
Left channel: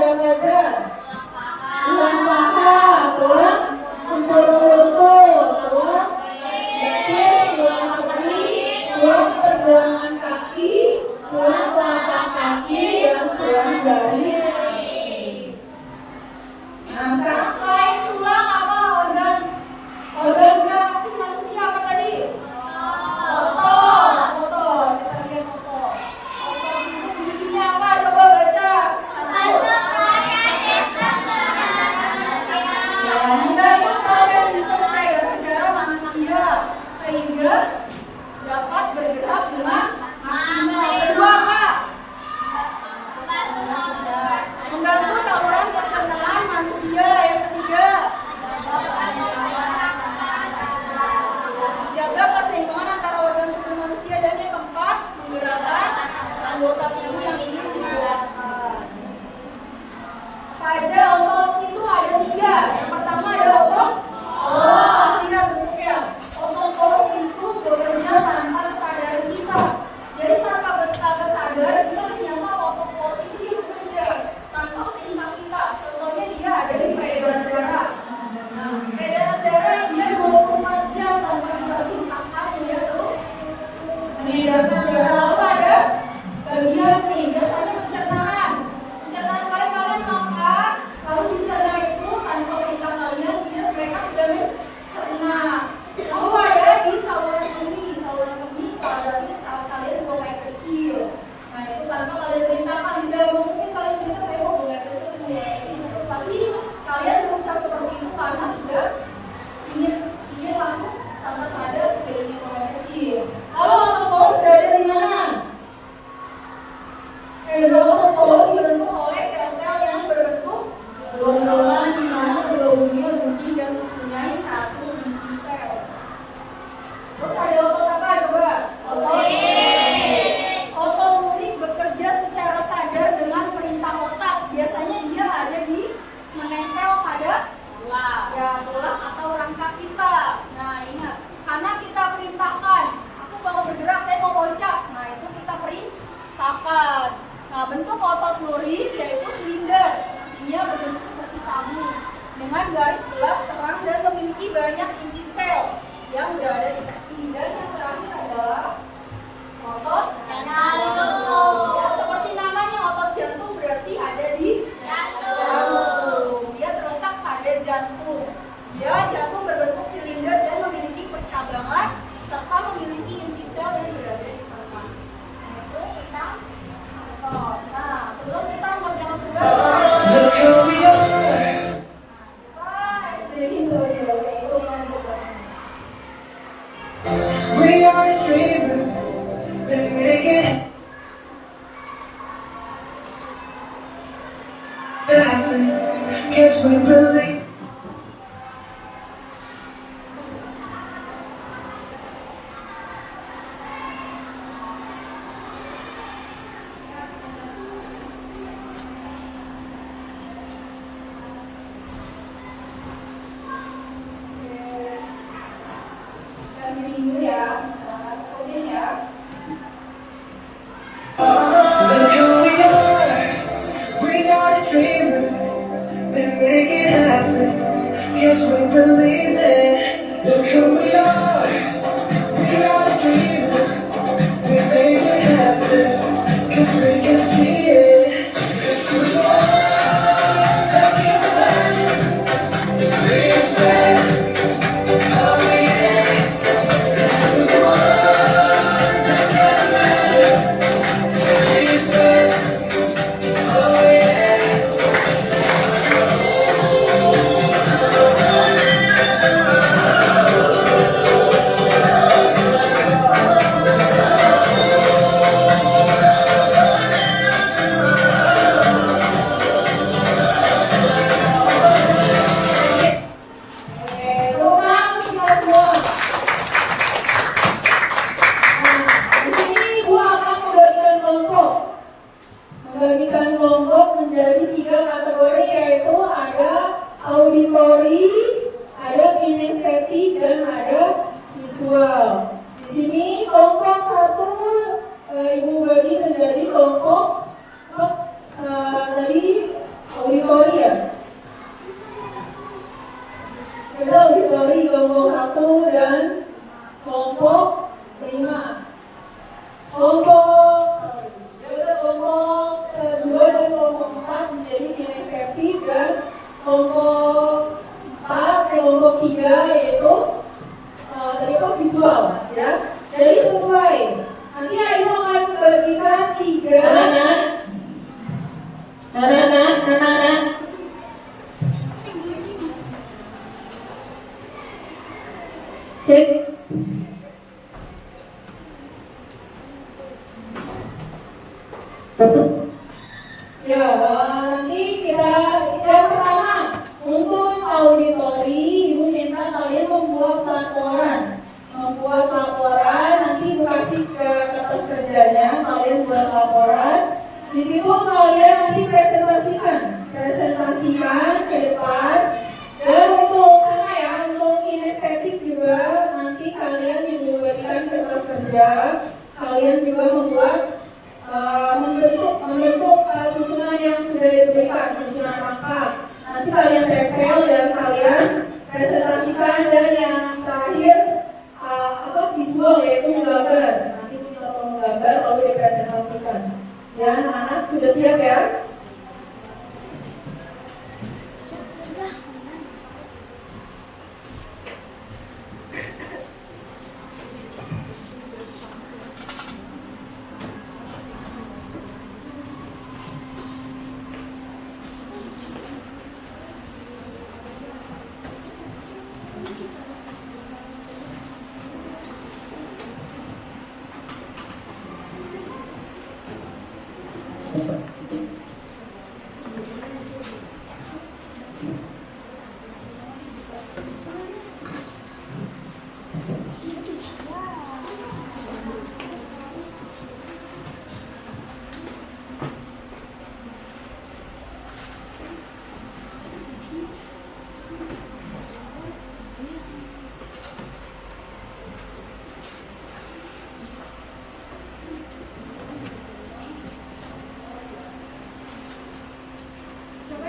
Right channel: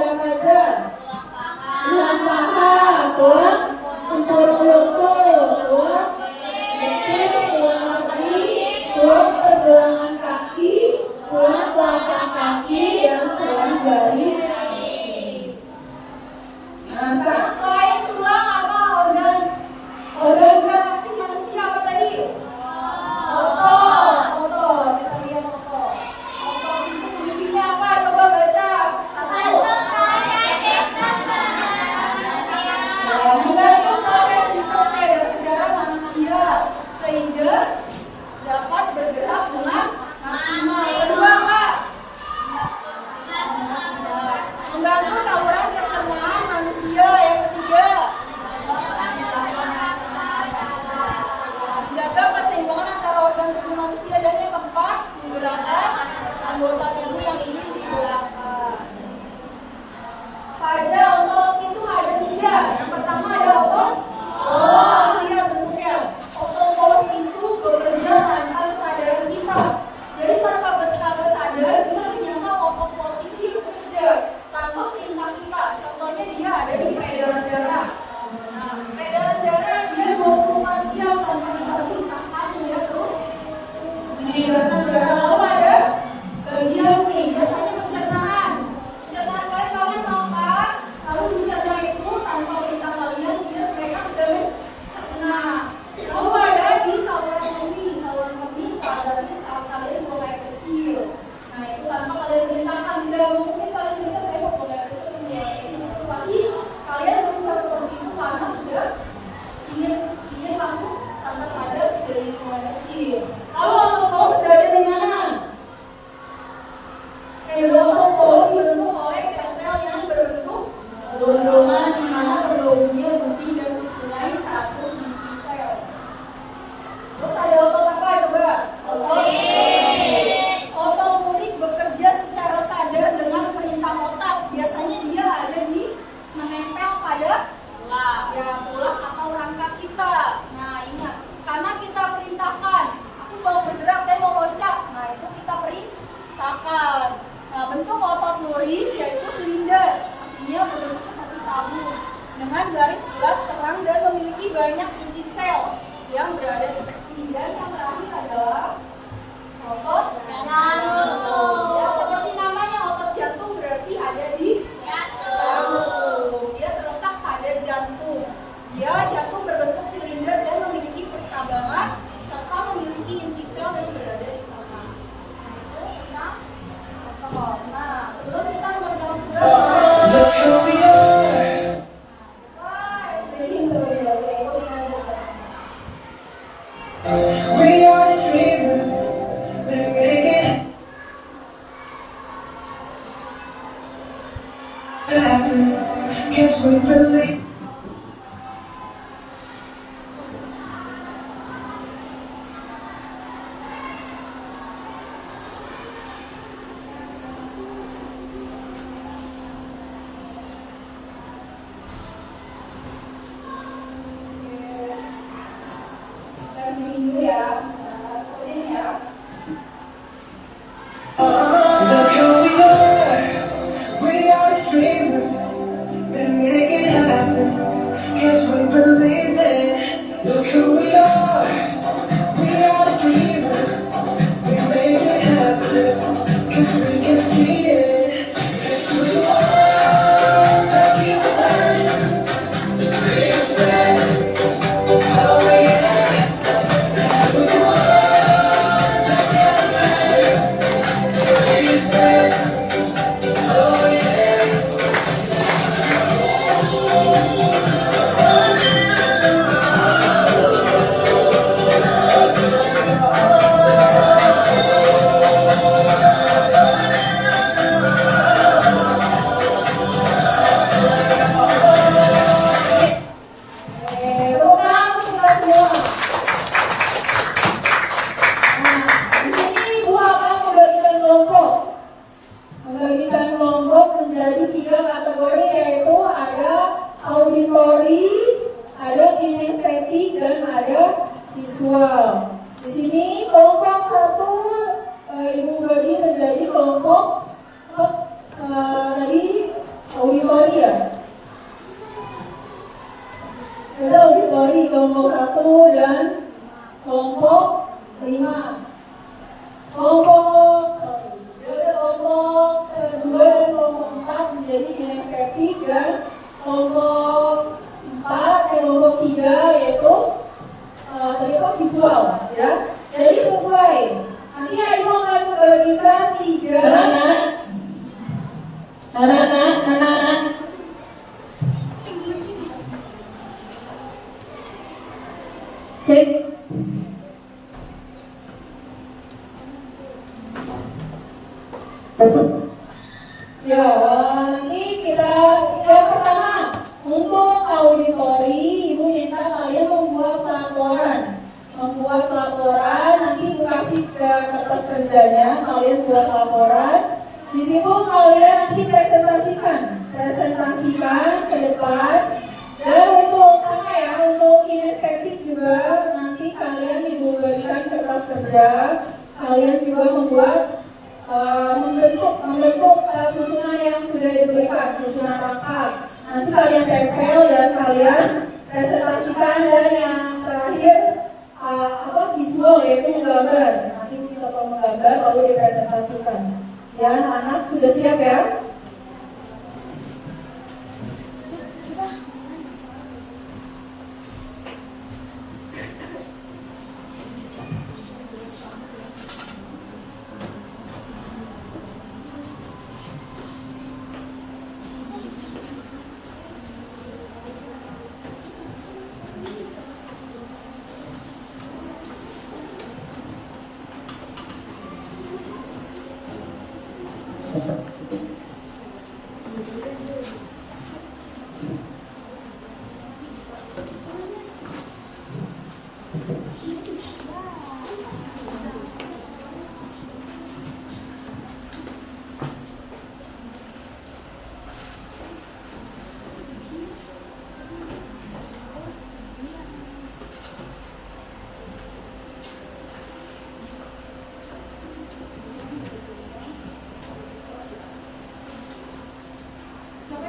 ada apa aja? Tulang paha, tulang tempurung lutut, tulang betis, tulang kaki, tulang pergelangan kaki, tulang telapak kaki, dan tulang jari. Nah, sekarang selain tulang apa organ gerak manusia apa tadi? Otot. Kita lihat otot. Otot itu fungsinya apa? Coba baca. Satu. Mendukung proses disorder sejarah manusia sehingga dapat bergerak dengan maksimal. Kedua apa? Mengganggu saluran pencernaan manusia. Yang ketiga, jaga keseimbangan antara organ tubuh manusia. Dan yang keempat, menggerakkan anggota tubuh yang ingin digerakkan. Apa aja otot itu ada 3. Yang pertama ada otot polos. Lihat bentuknya. Otot polos itu bekerja tanpa sadar kita. Jadi tanpa sadar kita ternyata otot polos ini bekerja tanpa perintah kita. Contohnya dia ada di peredaran darah. Nah, peredaran darah dia 24 jam tanpa kita tuntaskan, dia terus mengedarkan darah. Lalu ada bagian nih, biasanya pencernaan. Pencernaan kalian makan, lalu dicerna itu tanpa perintah kalian, mereka sudah mencerna. Lalu ada di saluran kemih, berarti saat kalian buang air kecil. Nah, itu tanpa kalian perintahkan, tidak mungkin kalian minta saya mau buang air kecil, pasti kalian berucap seperti itu karena sudah ingin langsung tanpa sadar sudah ingin buang air kecil. Lalu otot polos berada di mana? Otot polos dibentuk oleh sel-sel yang berbentuk gondongan di mana berujungnya guncing dan mempunyai satu inti sel. Terus ada otot apa coba? Otot lurik bekerja secara sadar dengan perintah otak. Biasanya dia ada di menempel pada tulang atau rangka kita. Nah, ingat, karena kita perintahkan, aku mau bergerak, saya mau loncat. Nah, itu kita perintahkan. Nah, bentuk otot lurik yaitu silinder, artinya berbentuk seperti tabung dengan garis gelap terang dan memiliki banyak inti sel yang berada di tepi. Dan yang terakhir adalah otot jantung. Ya, seperti namanya otot jantung berarti ada di jantung. Dia terletak pada jantung. Dia jantung berbentuk silinder dan memiliki percabangan serta memiliki inti sel yang berada di tengah. Itu tentang otot. Nah, sebelum kita mengerjakan tugas, We are the dreamers, we make it happen. Guess we believe. minggu ya, kemudian ya. Look who we are the dreamers, we make it happen. Guess we believe it. Look who we are the dreamers, we make it happen. Cause we can see it. It's too long, making the first, biggest dance. Oh yeah, let's do the one that can imagine. Biggest dance. Oh yeah. Tolong kita semua. Nah, di sini Bu akan membagikan kelompok. Membagikan kelompok menjadi 3 kategori, yaitu ada auditori, ada kinestetik, dan ada visual. Di sini kelompok 1 Ibu bagi menjadi kelompok tadi Anak-anak. Cek. Ya, nanti kita yang pertama untuk auditori, Ibu minta kalian membuat laporan. Nanti Ibu kasih ke kertas kerjanya, kalian buat laporan. Di situ kalian nanti presentasikan ke depan. Dan untuk kinestetik juga nanti kalian Ibu berikan kertas kerja. Kalian juga membentuk susunan yang sudah diberikan, susunan lengkap. Nanti kalian tempel dan kalian presentasikan, dan yang terakhir visual, yaitu menggambar. Nanti kita menggambar lalu dipresentasikan. Ya, anak-anak sudah siap ya?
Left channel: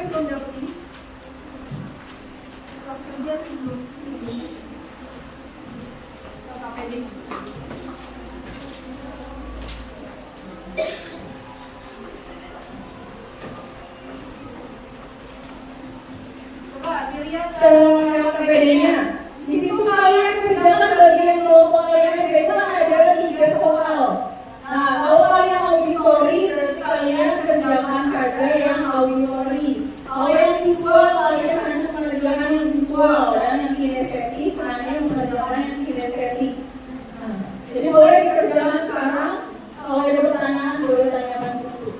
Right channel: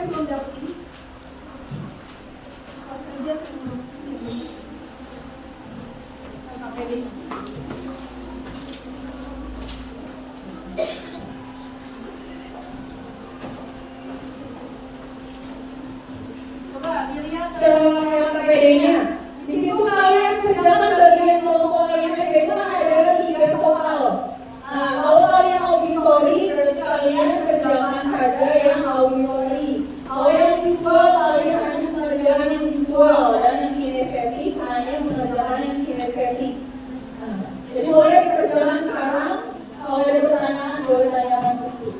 Belum dapat ini pas kerja belum KPD. Coba dilihat KPD-nya. Di situ kalian kerjakan bagian kelompok kalian, itu ada 3 soal. Nah, kalau kalian auditori berarti kalian kerjakan saja yang auditori. Kalau yang visual, kalian hanya mengerjakan yang visual, dan yang kinestetik hanya mengerjakan yang kinestetik. Nah, jadi boleh dikerjakan sekarang. Kalau ada pertanyaan, boleh tanyakan dulu.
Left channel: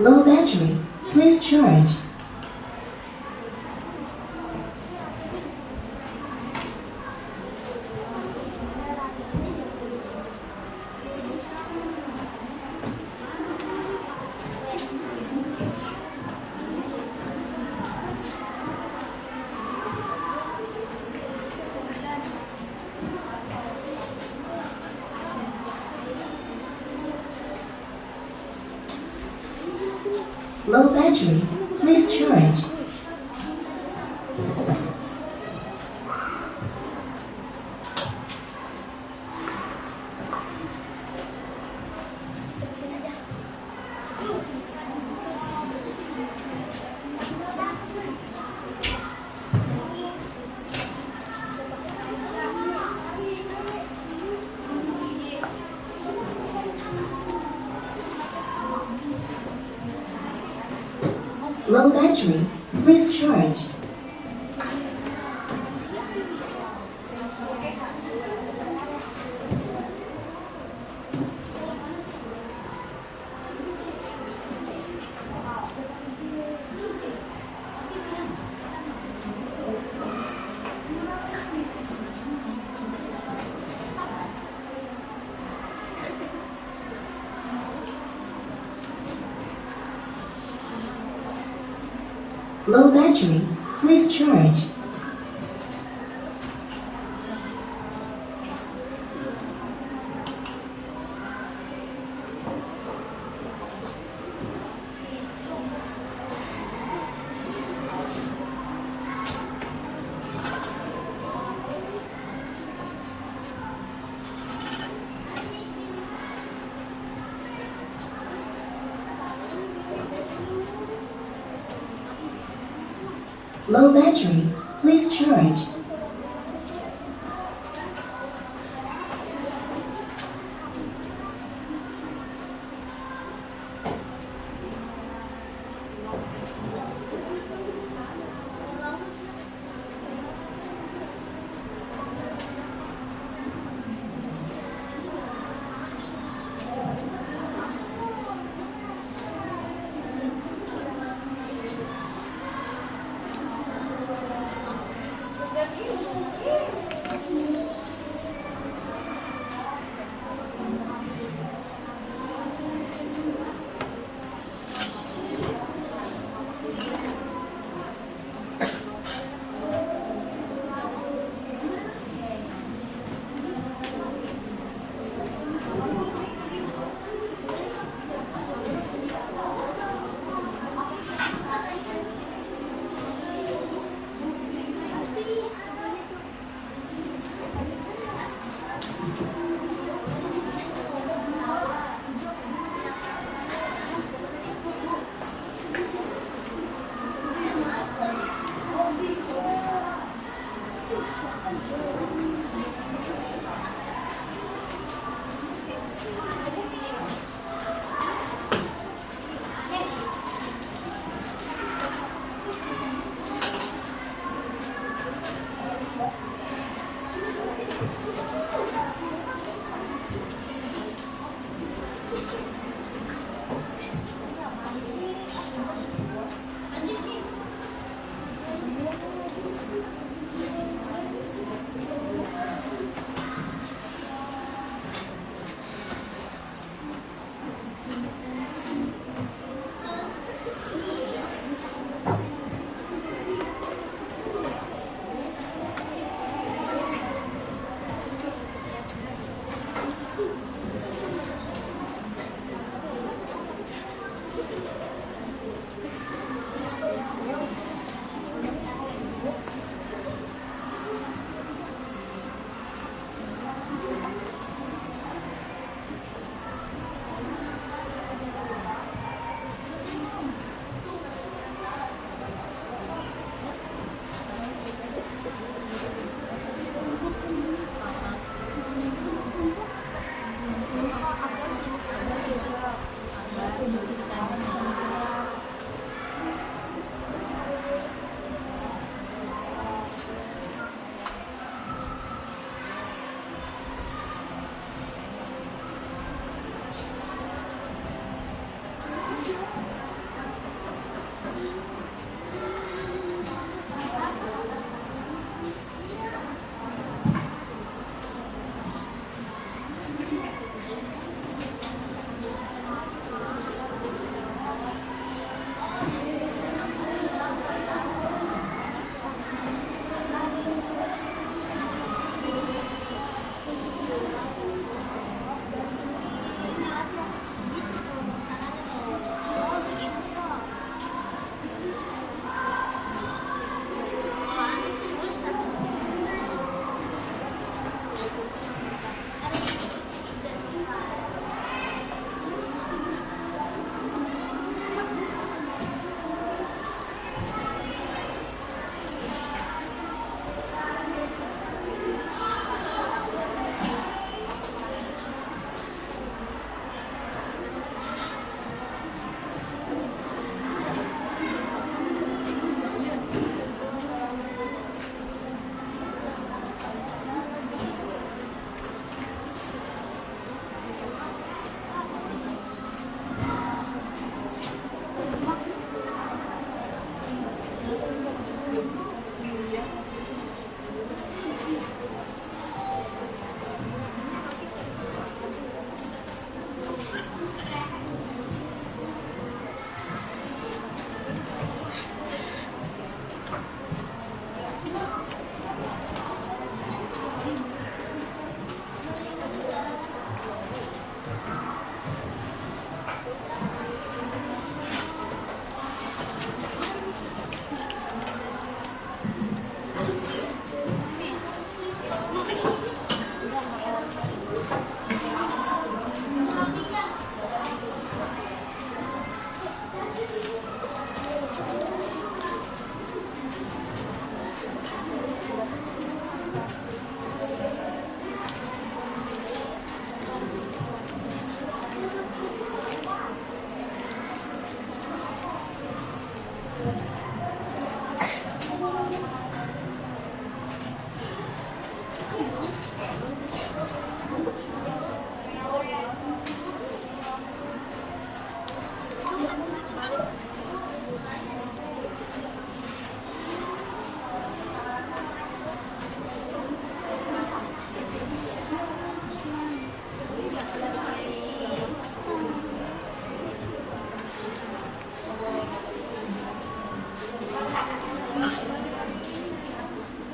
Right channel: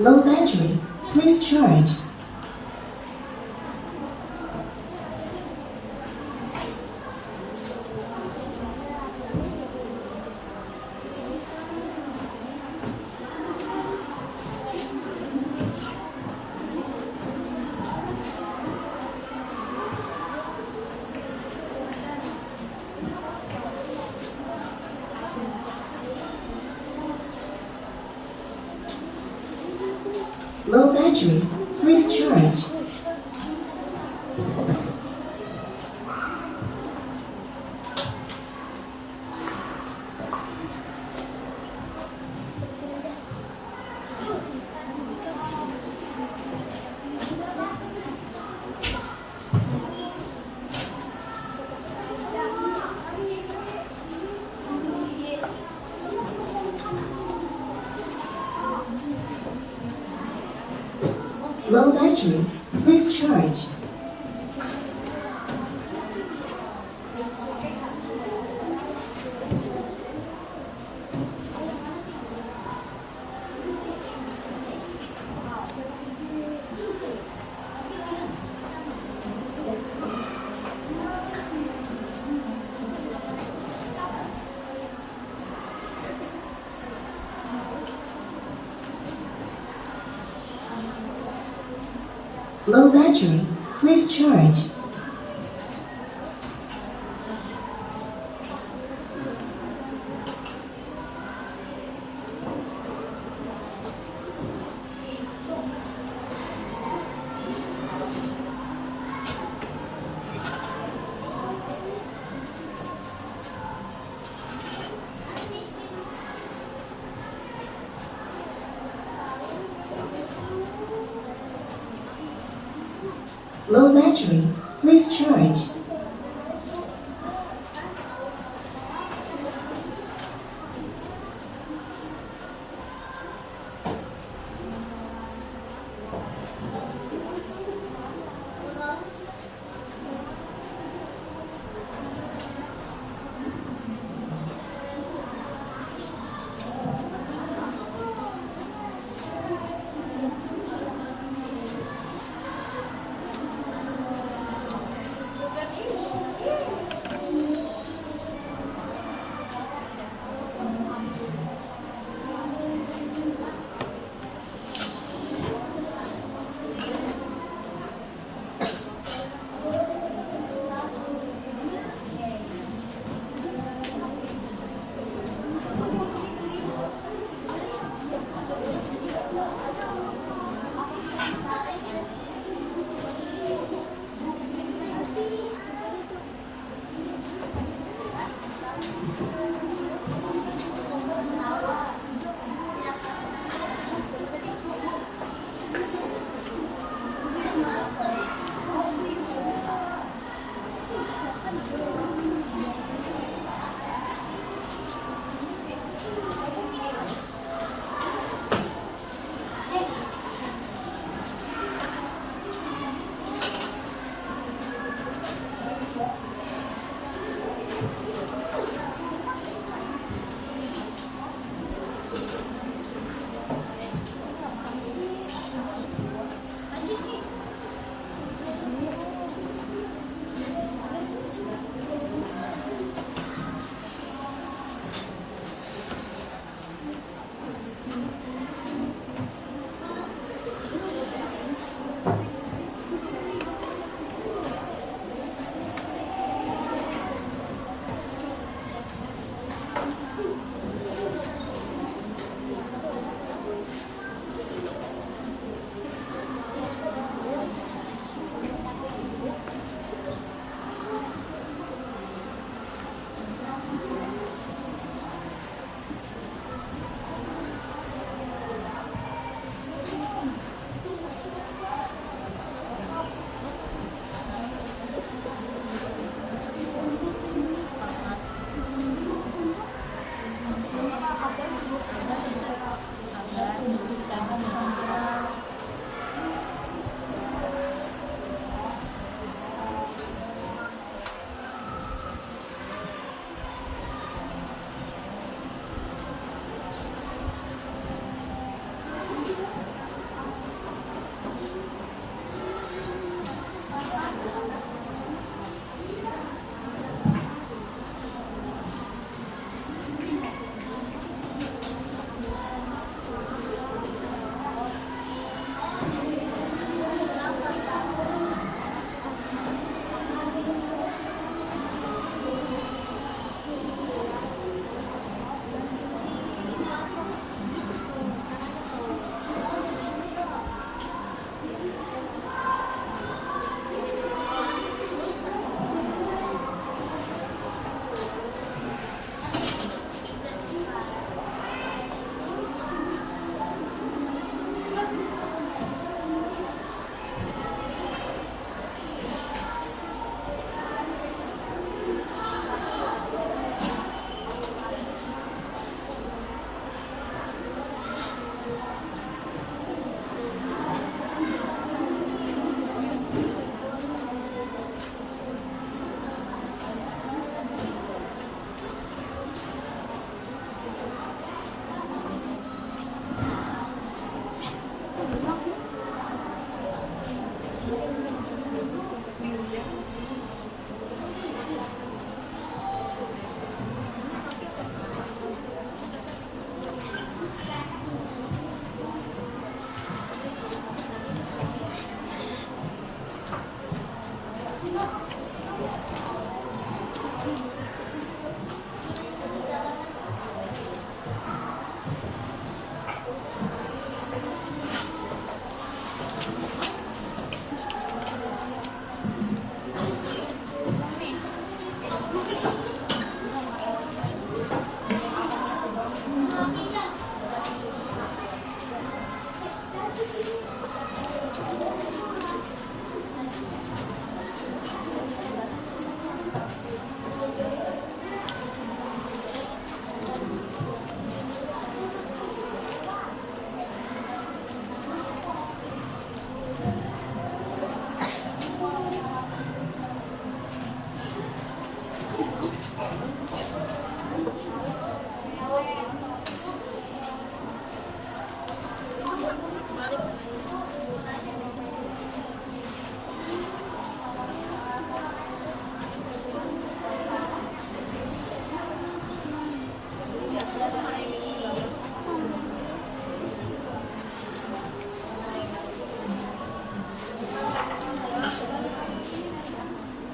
Low battery. Please charge. Low battery. Please charge. Low battery. Please charge. Low battery. Please charge. Low battery. Please charge.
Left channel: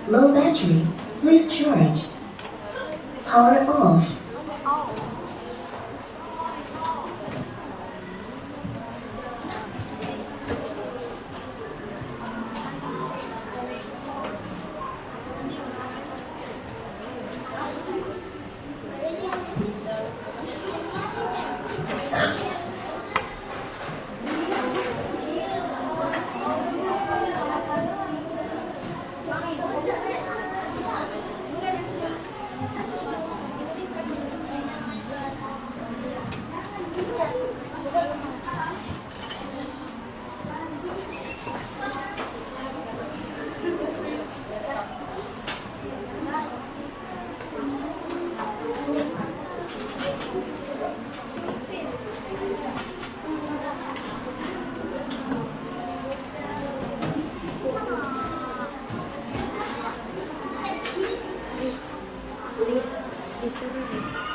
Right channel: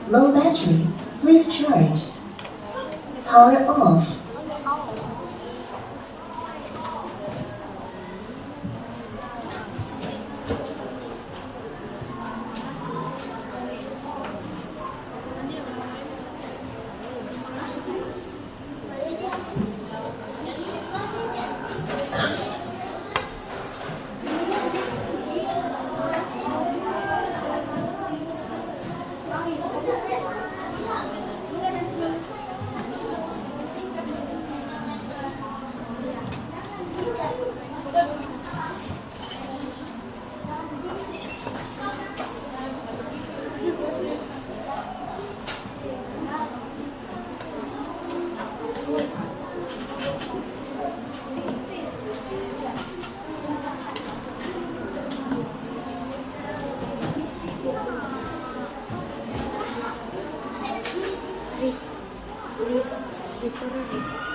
Low battery. Please charge. Power off. Disuruh Riz.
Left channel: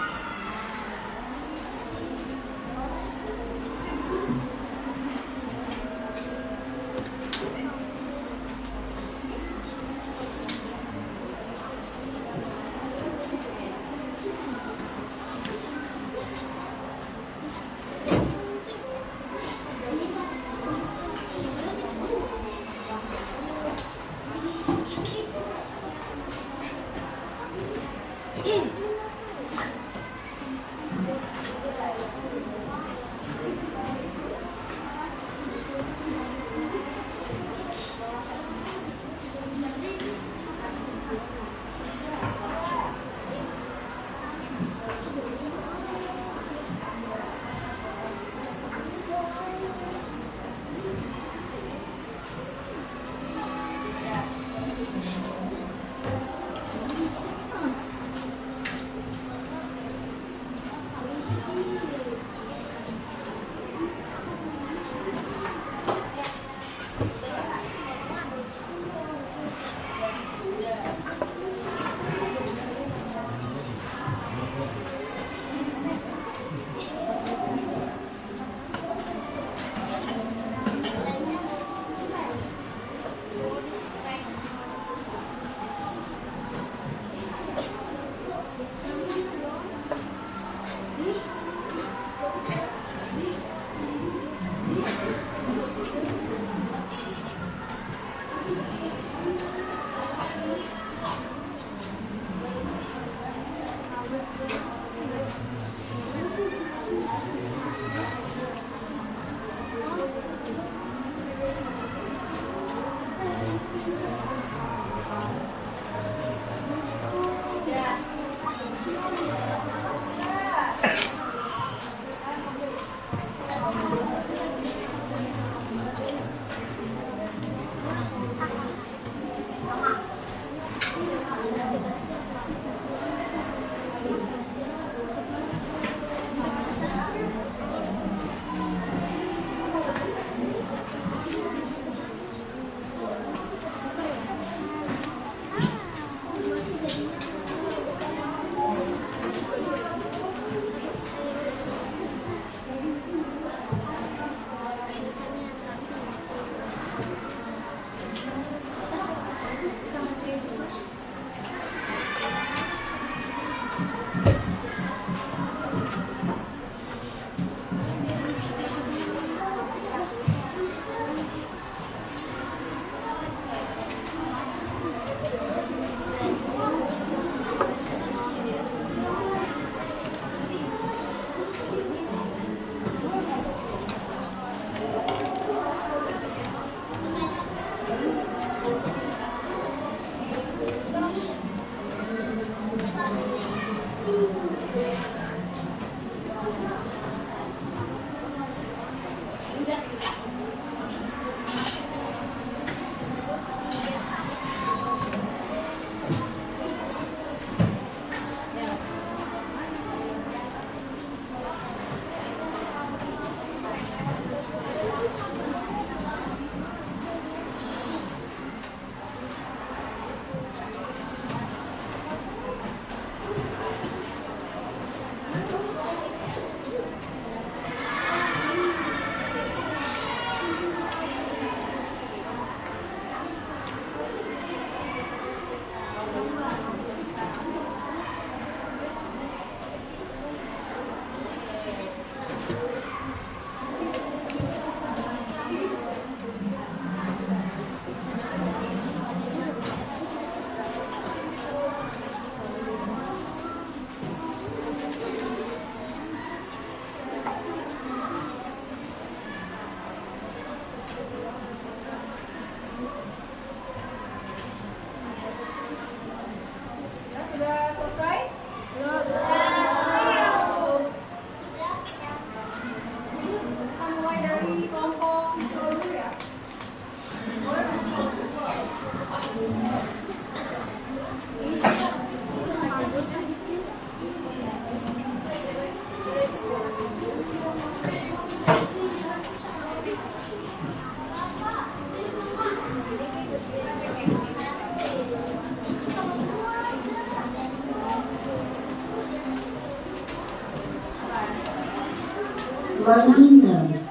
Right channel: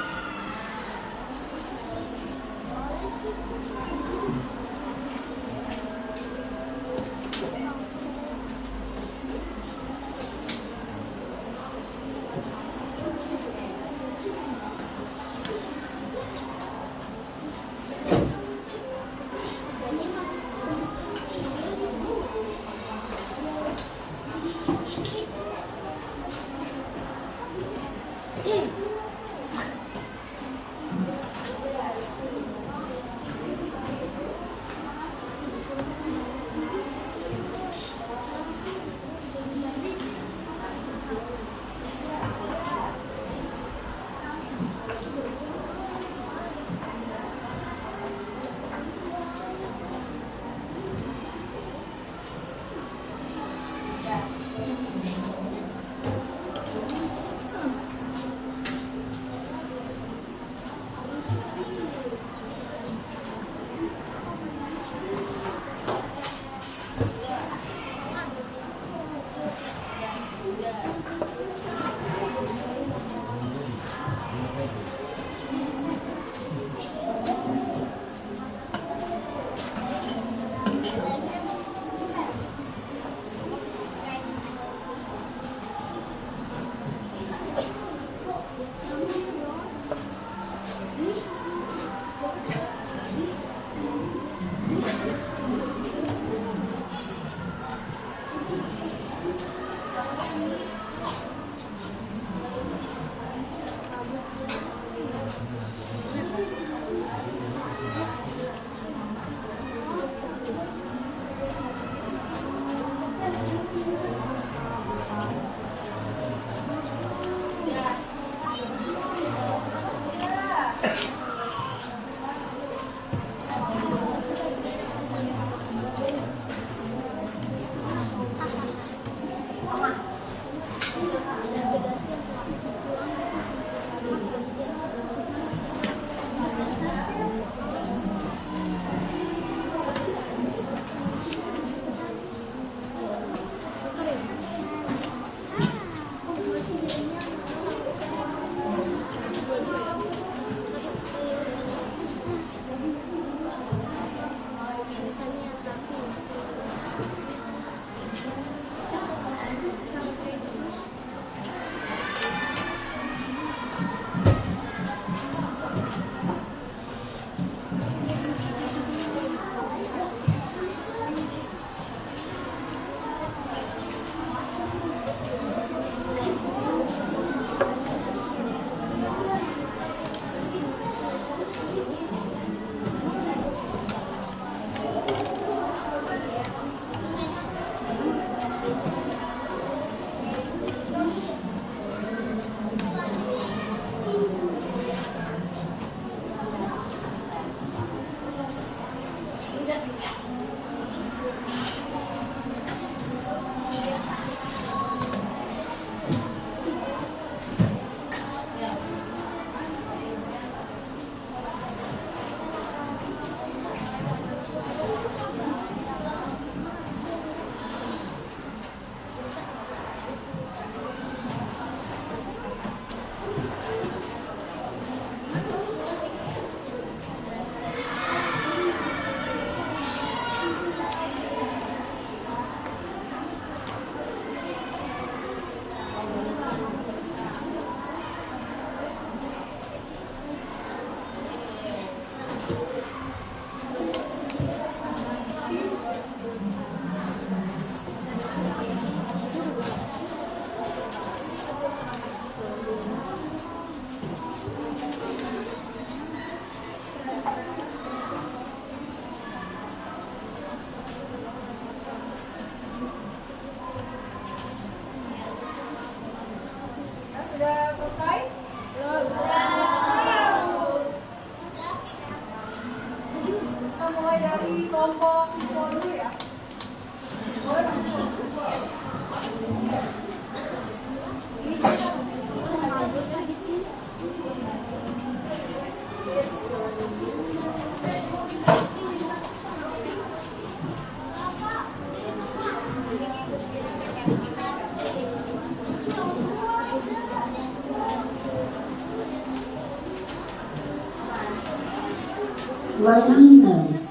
Line mode.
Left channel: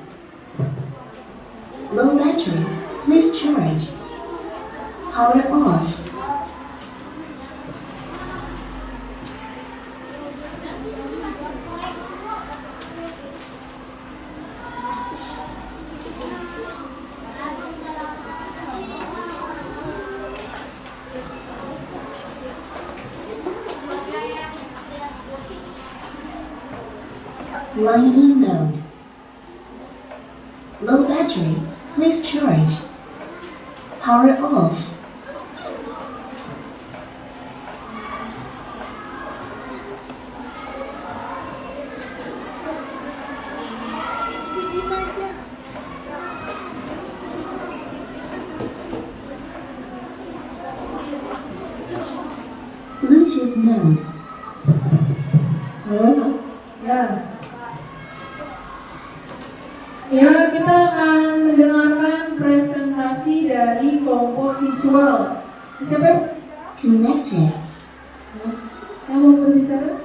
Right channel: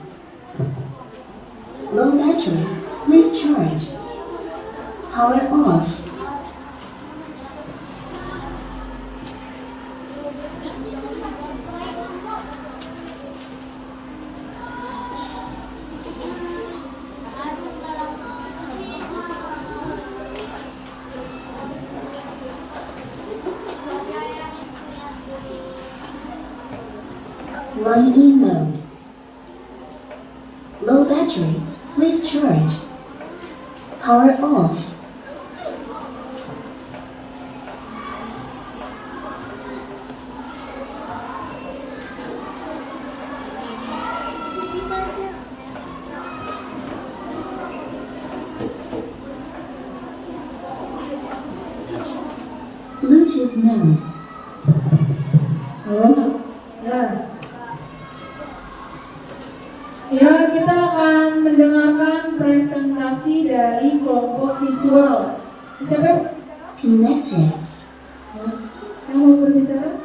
Low battery. Please charge. Power off. Line mode. Low battery. Please charge. Power off. Bluetooth mode. Halo? Ya. Ya, kita akan mendengarkan presentasi dari kelompok visual. Siapa Connected. yang mau berbicara?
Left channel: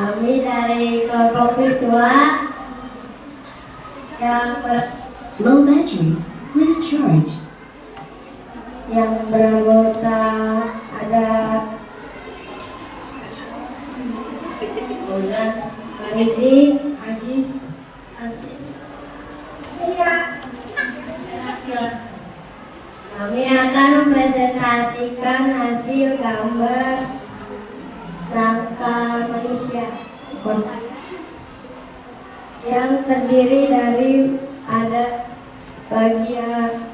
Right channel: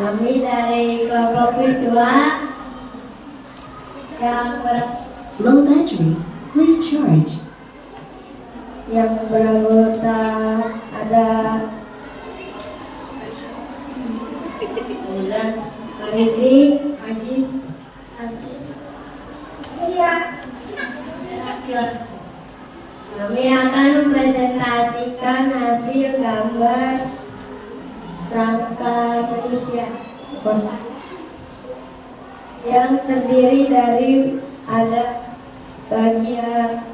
Kami dari kelompok visual Low battery. Please charge. yang beranggota ada Bulan, Arizi, Ajis, Asif. Iya. Kami akan mempresentasikan hasil gambar rangka manusia yang terdiri dari ada bagian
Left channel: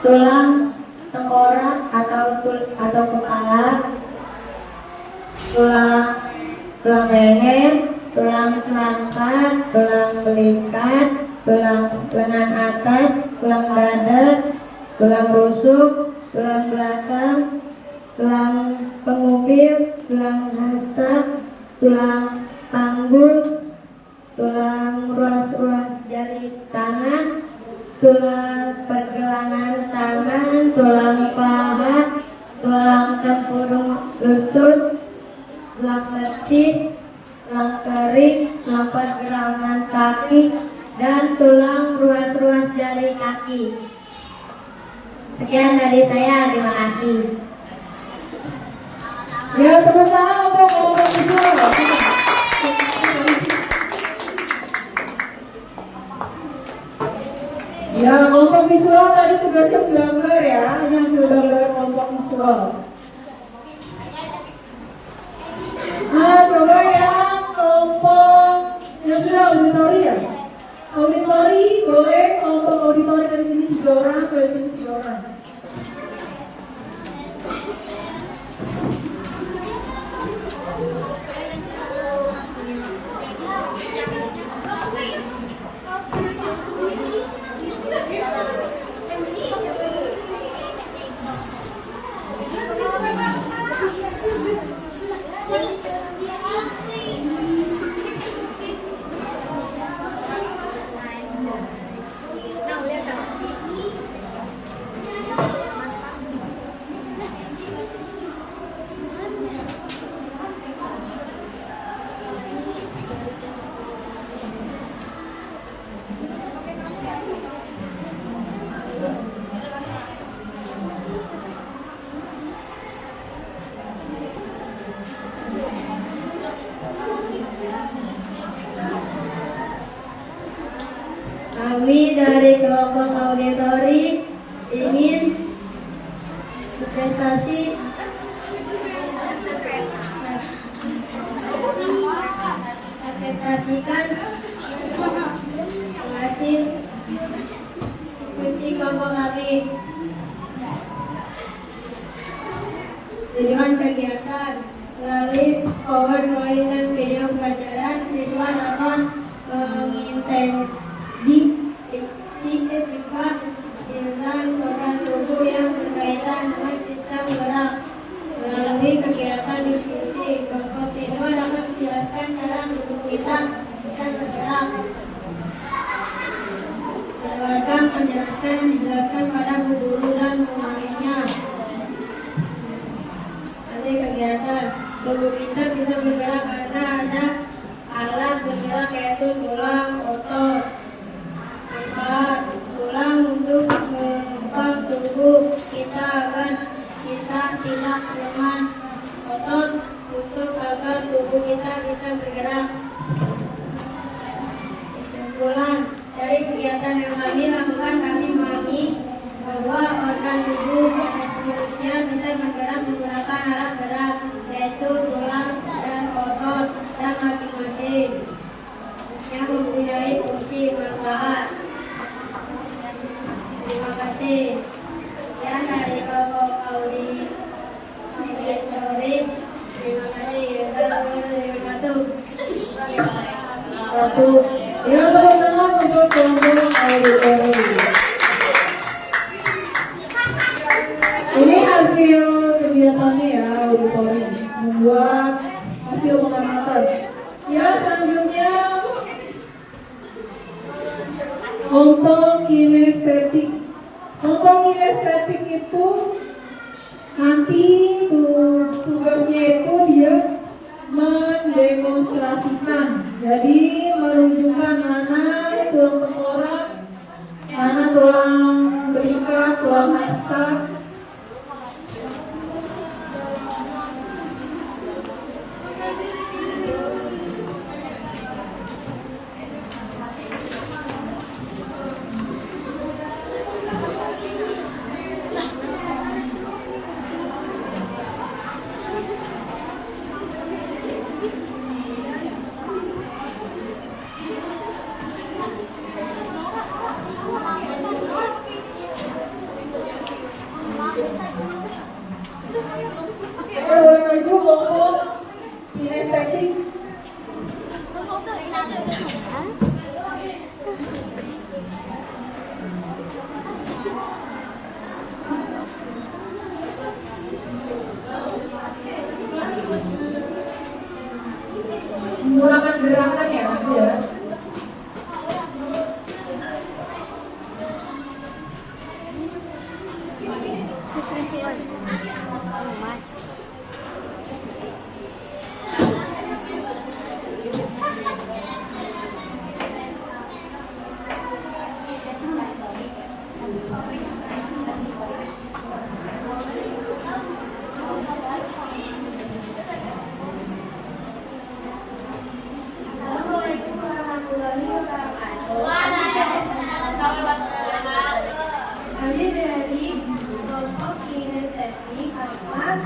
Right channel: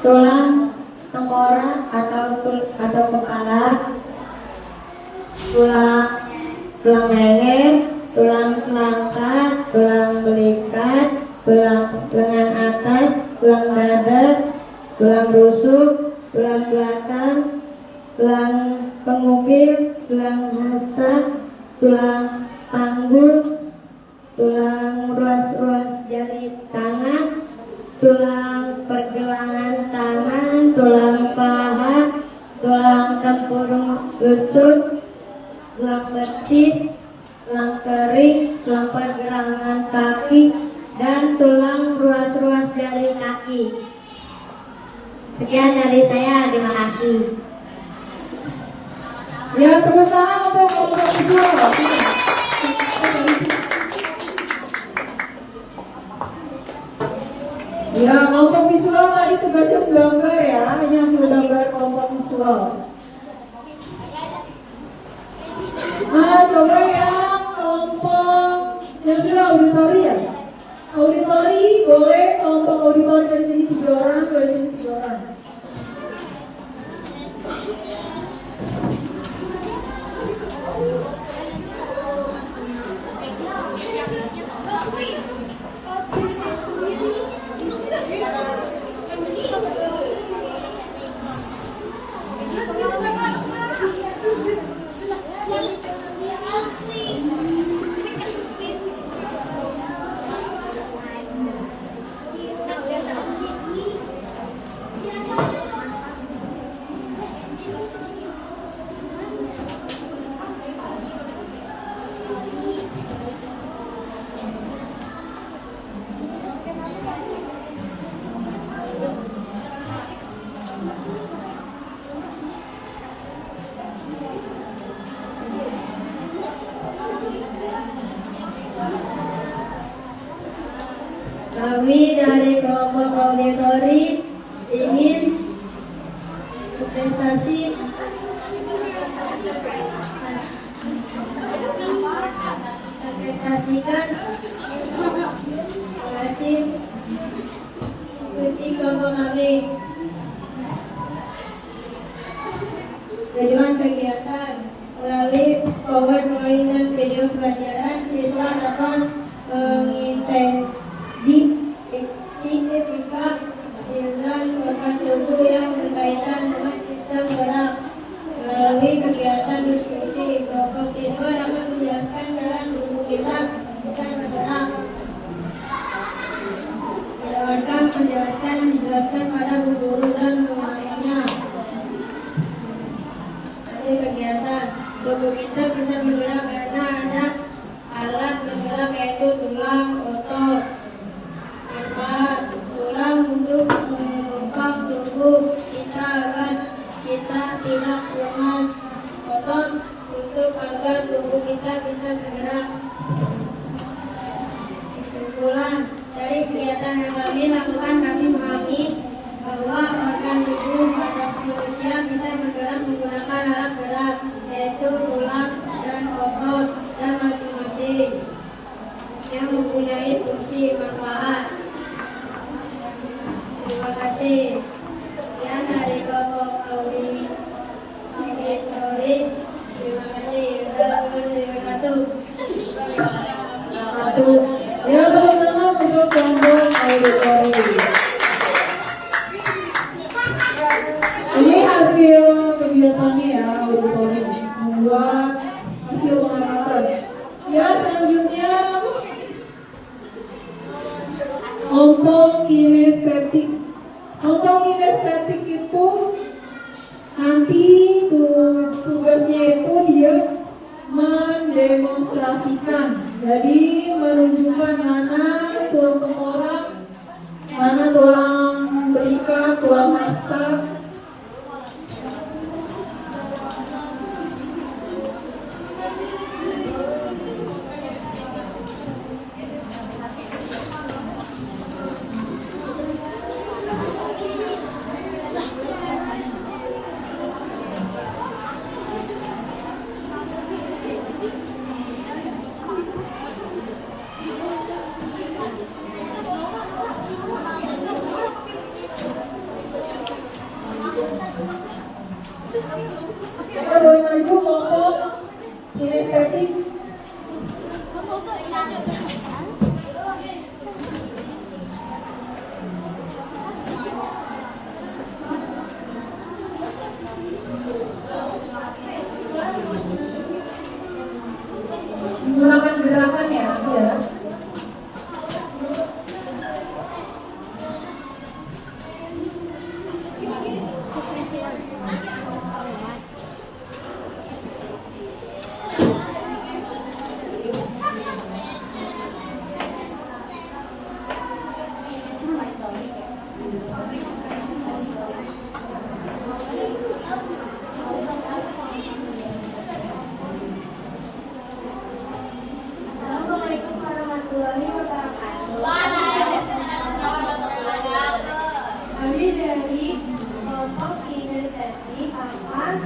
tulang tengkorak atau kepala, tulang leher, tulang selangkar, tulang belikat, tulang lengan atas, tulang dada, tulang rusuk, tulang belakang, tulang pengupil, tulang hamster, tulang panggul, tulang ruas-ruas jari tangan, tulang pergelangan tangan, tulang paha, tulang tempurung lutut, tulang betis, tulang kering, tulang pergelangan kaki, dan tulang ruas-ruas jari kaki. Sekian dari saya, terima kasih. Ya, tepuk tangan untuk kelompok visual. Ya, kelompok visual tadi tugasnya menggambar ya, hanya hasil gambar kelompok visual. Coba yang kelompok yang sudah auditori ya. Auditori boleh kelompok auditori dari sini 3 orang, dari sini 3 orang. Kami dari kelompok auditori ingin berprestasi presentasikan hasil diskusi kelompok kami. Tujuan kegiatan melalui PowerPoint dan video pelajaran, siswa dapat menginteraksi etika dan organ tubuh yang berkaitan dengan sistem gerak. Melalui kegiatan diskusi, kelompok siswa dapat menjelaskan cara tubuh kita bisa bergerak. Berdasarkan penjelasan yang dijelaskan pada guru dan muridnya. Nanti kegiatan Ya, tepuk tangan untuk kelompok auditori. Ini hasil kegiatannya ya, auditori membuat hasil pengamatan. Ya, selanjutnya kelompok kinestetik. Kelompok kinestetik itu nanti tugasnya itu dia mendemonstrasikan, jadi menunjukkan mana tulang tengkorak, mana tulang belikat, tulang hasta. Kita boleh maju kelompok kinestetik. Menggunakan gerakan ya, ya. Assalamualaikum warahmatullahi wabarakatuh. Kami dari kelompok kinestetik akan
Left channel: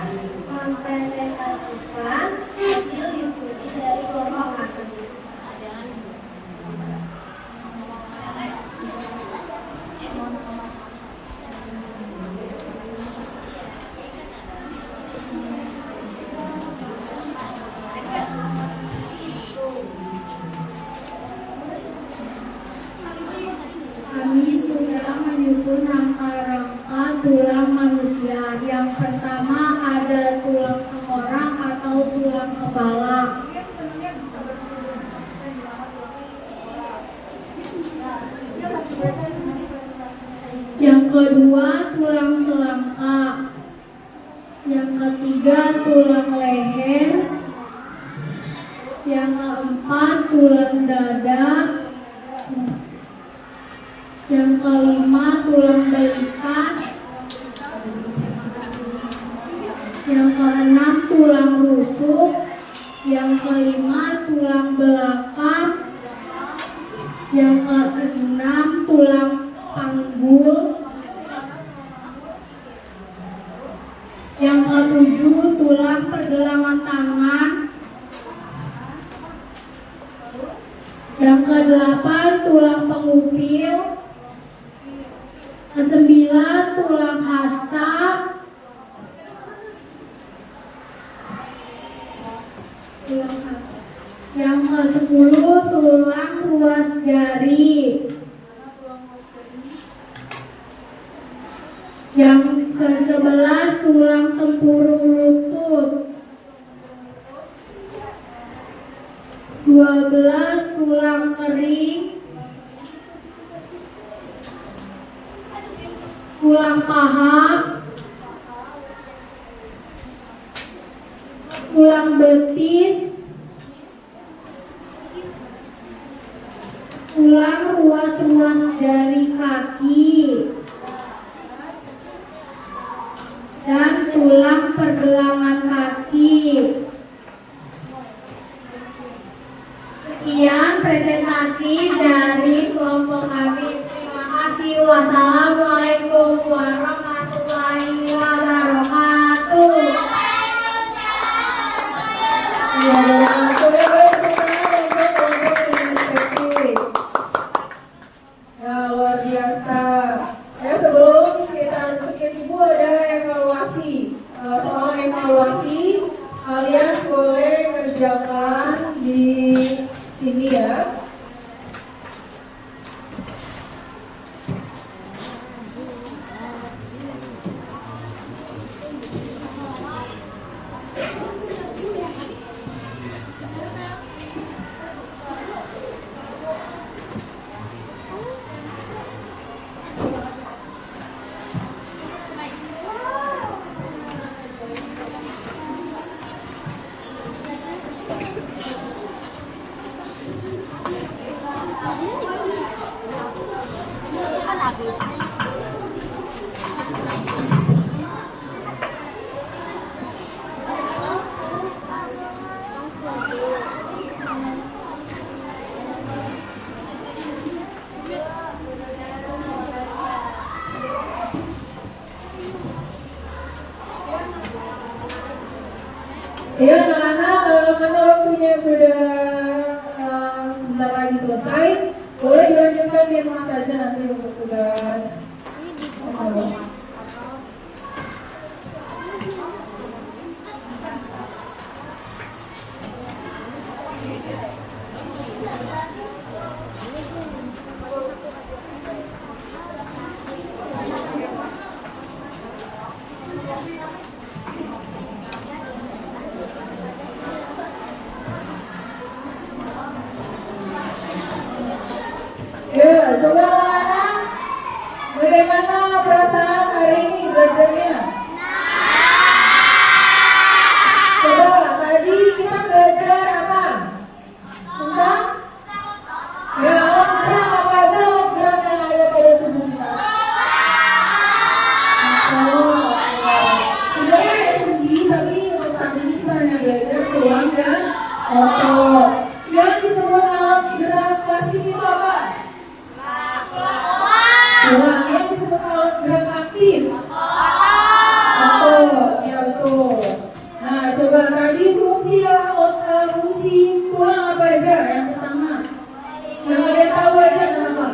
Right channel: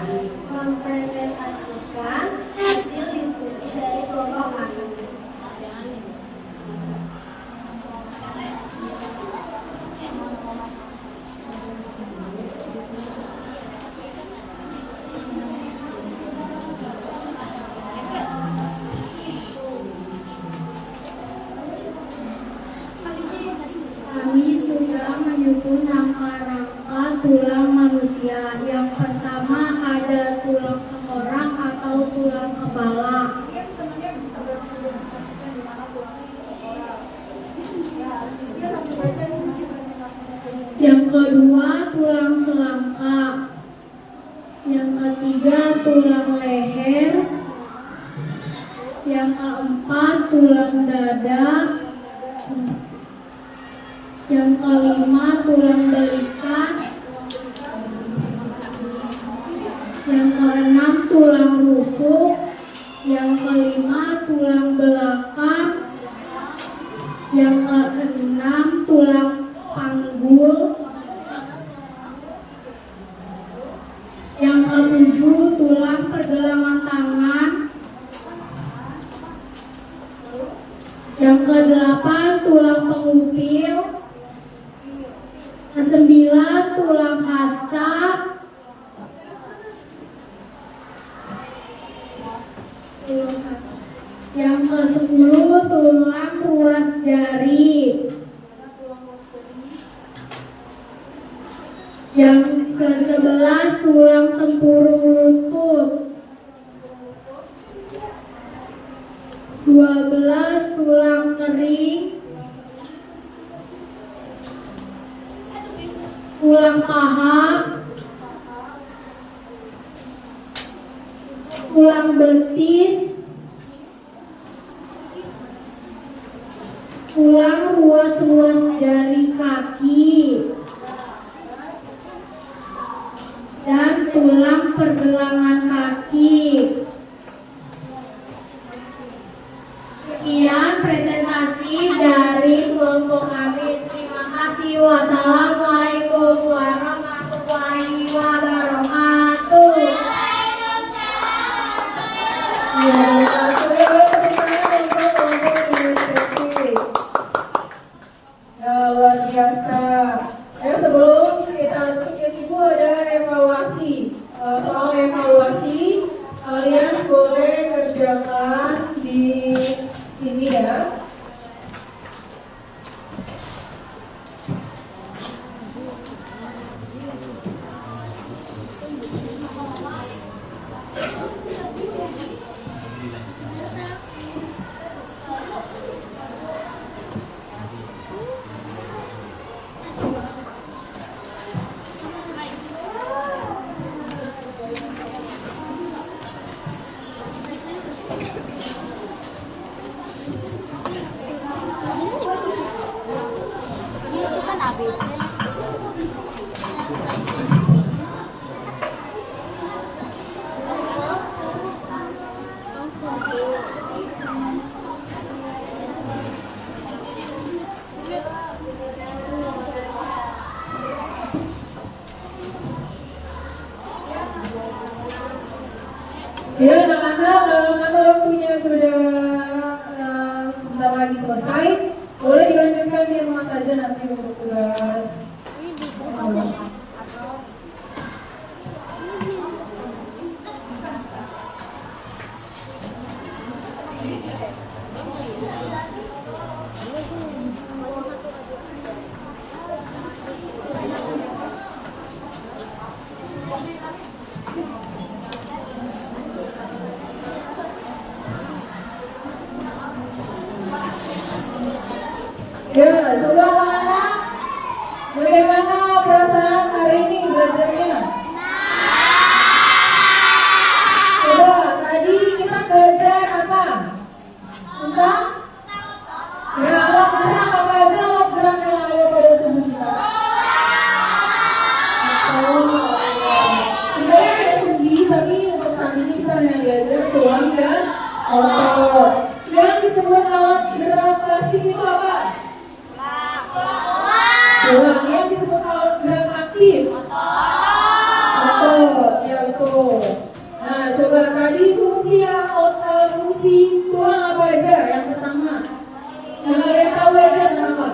mempresentasikan hasil diskusi dari kelompok kami. Kami sudah menyusun rangka-rangka tulang manusia. Yang pertama ada tulang tengkorak atau tulang kepala. Yang kedua tulang selangkah. Yang ketiga tulang leher. Yang keempat tulang dada. Yang kelima tulang belikat. Yang keenam tulang rusuk. Yang kelima tulang belakang. Yang keenam tulang panggul. Yang ketujuh tulang pergelangan tangan. Yang kedelapan tulang pengupil. Kesembilan tulang hasta. Yang ke-10 tulang ruas jari. Yang ke-11 tulang tempurung lutut. 12 tulang kering. Tulang paha. Tulang betis. Tulang ruas-ruas jari kaki. Dan tulang pergelangan kaki. Sekian presentasi dari kelompok kami. Terima kasih. Wassalamualaikum warahmatullahi wabarakatuh. Ya, luar biasa. Ya, sebelum kita tutup Ibu ada evaluasi. Soal evaluasi kalian boleh kerjakan di sini ya. Itu kan ABC. Ya anak-anak, karena waktunya sudah sebentar lagi selesai, boleh dilanjutkan di rumah saja nanti untuk tugas. Ya, coba anak-anak, bagaimana perasaan hari ini belajarnya? Coba, tadi kita belajar apa? Tentang? Ya, alat gerak apa aja alat gerak yang ada pada tubuh kita? Sebenarnya ada sendi, tapi untuk saat ini kita hanya belajar tulang dan otot. Yang disebut alat gerak klasik itu apa? Tulang. Yang disebut alat gerak aktif? Otot, ya betul. Nah, coba tadi fungsi tulang apa aja? Yang pertama, yang kalian tahu aja apa?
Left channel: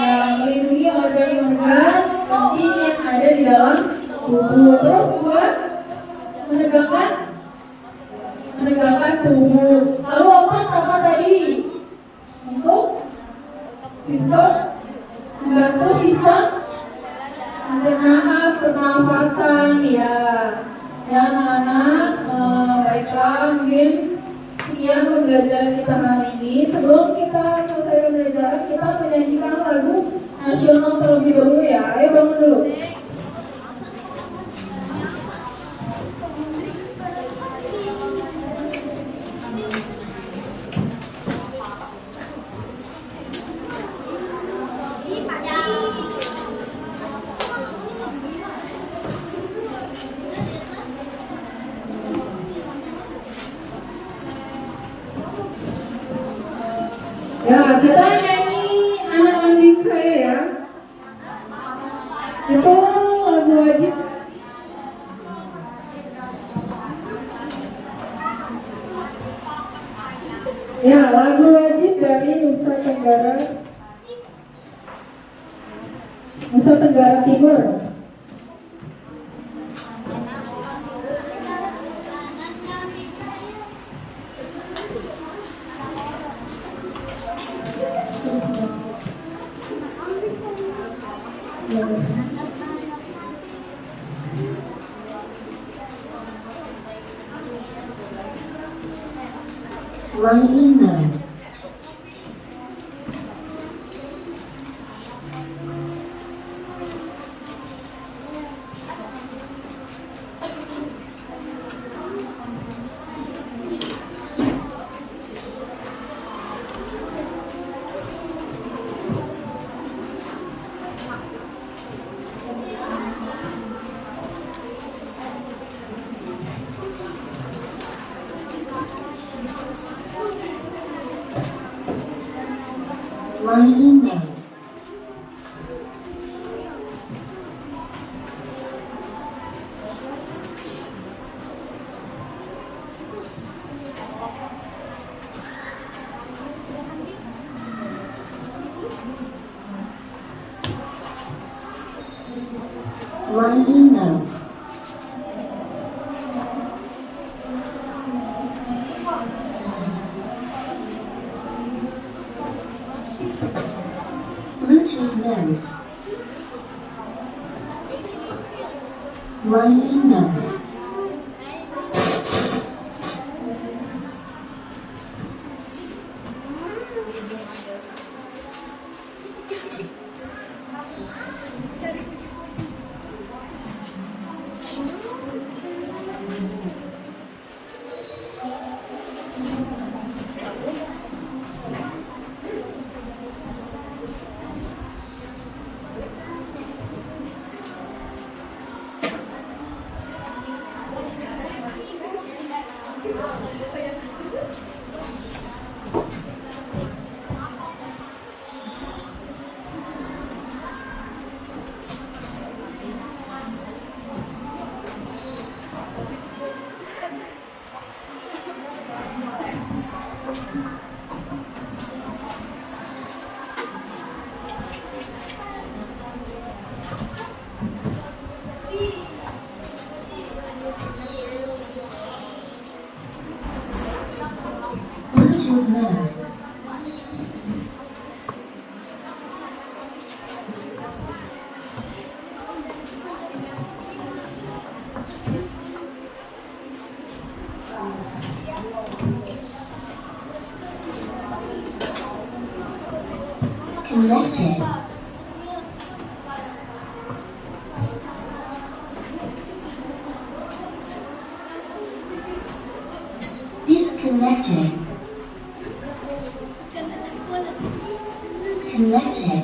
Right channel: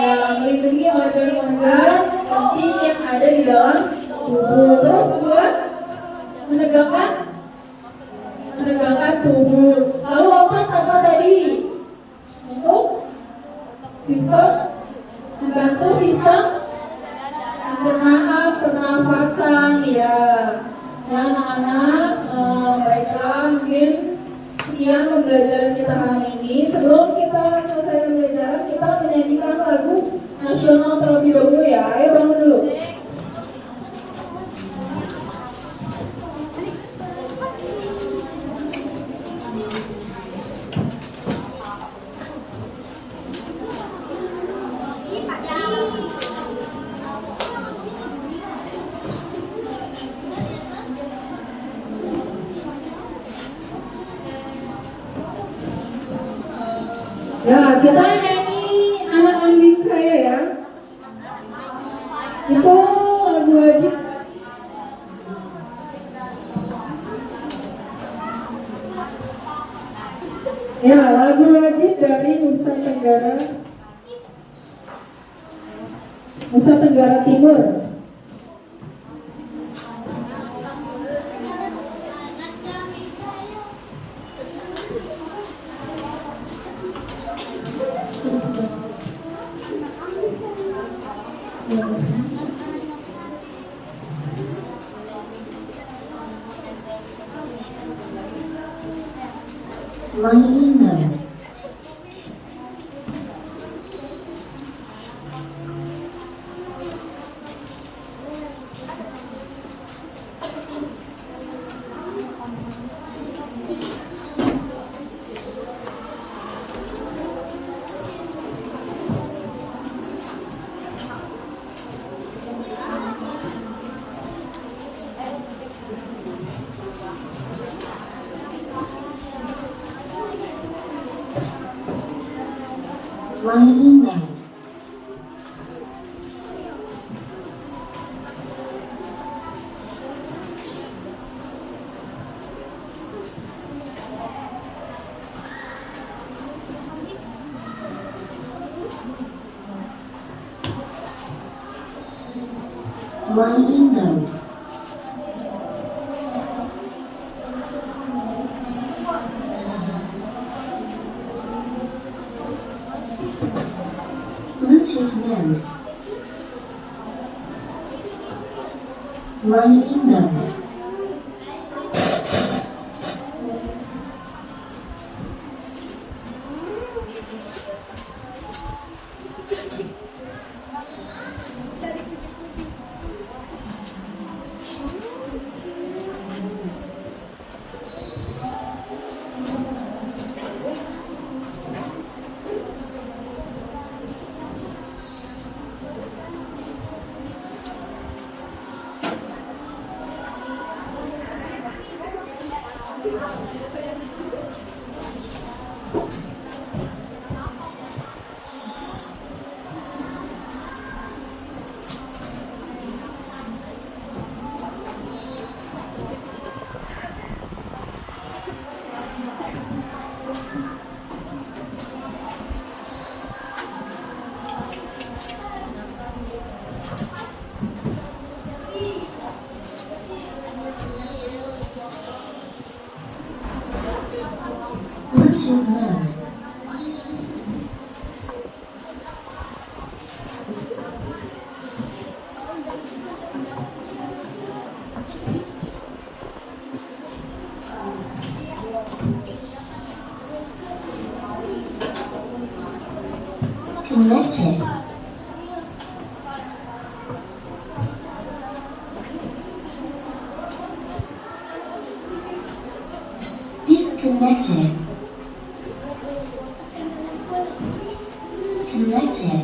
Ya, melindungi organ-organ penting yang ada di dalam tubuh. Terus buat menegakkan tubuh. Lalu otot apa tadi? Untuk sistem membantu sistem pencernaan, pernafasan, ya. Ya anak-anak, baiklah, mungkin sekian pembelajaran kita hari ini. Sebelum kita selesai pembelajaran, kita menyanyikan lagu nasional terlebih dahulu ya. Ayo bangun dulu. Ya, kita nyanyi anak kambing saya ya. Itu lagu wajib. Ya, lagu wajib dari Nusa Tenggara Timur. Line in mode. Line in mode. Line in mode. Bluetooth mode. Line in mode. Connected. Disconnected. Connected.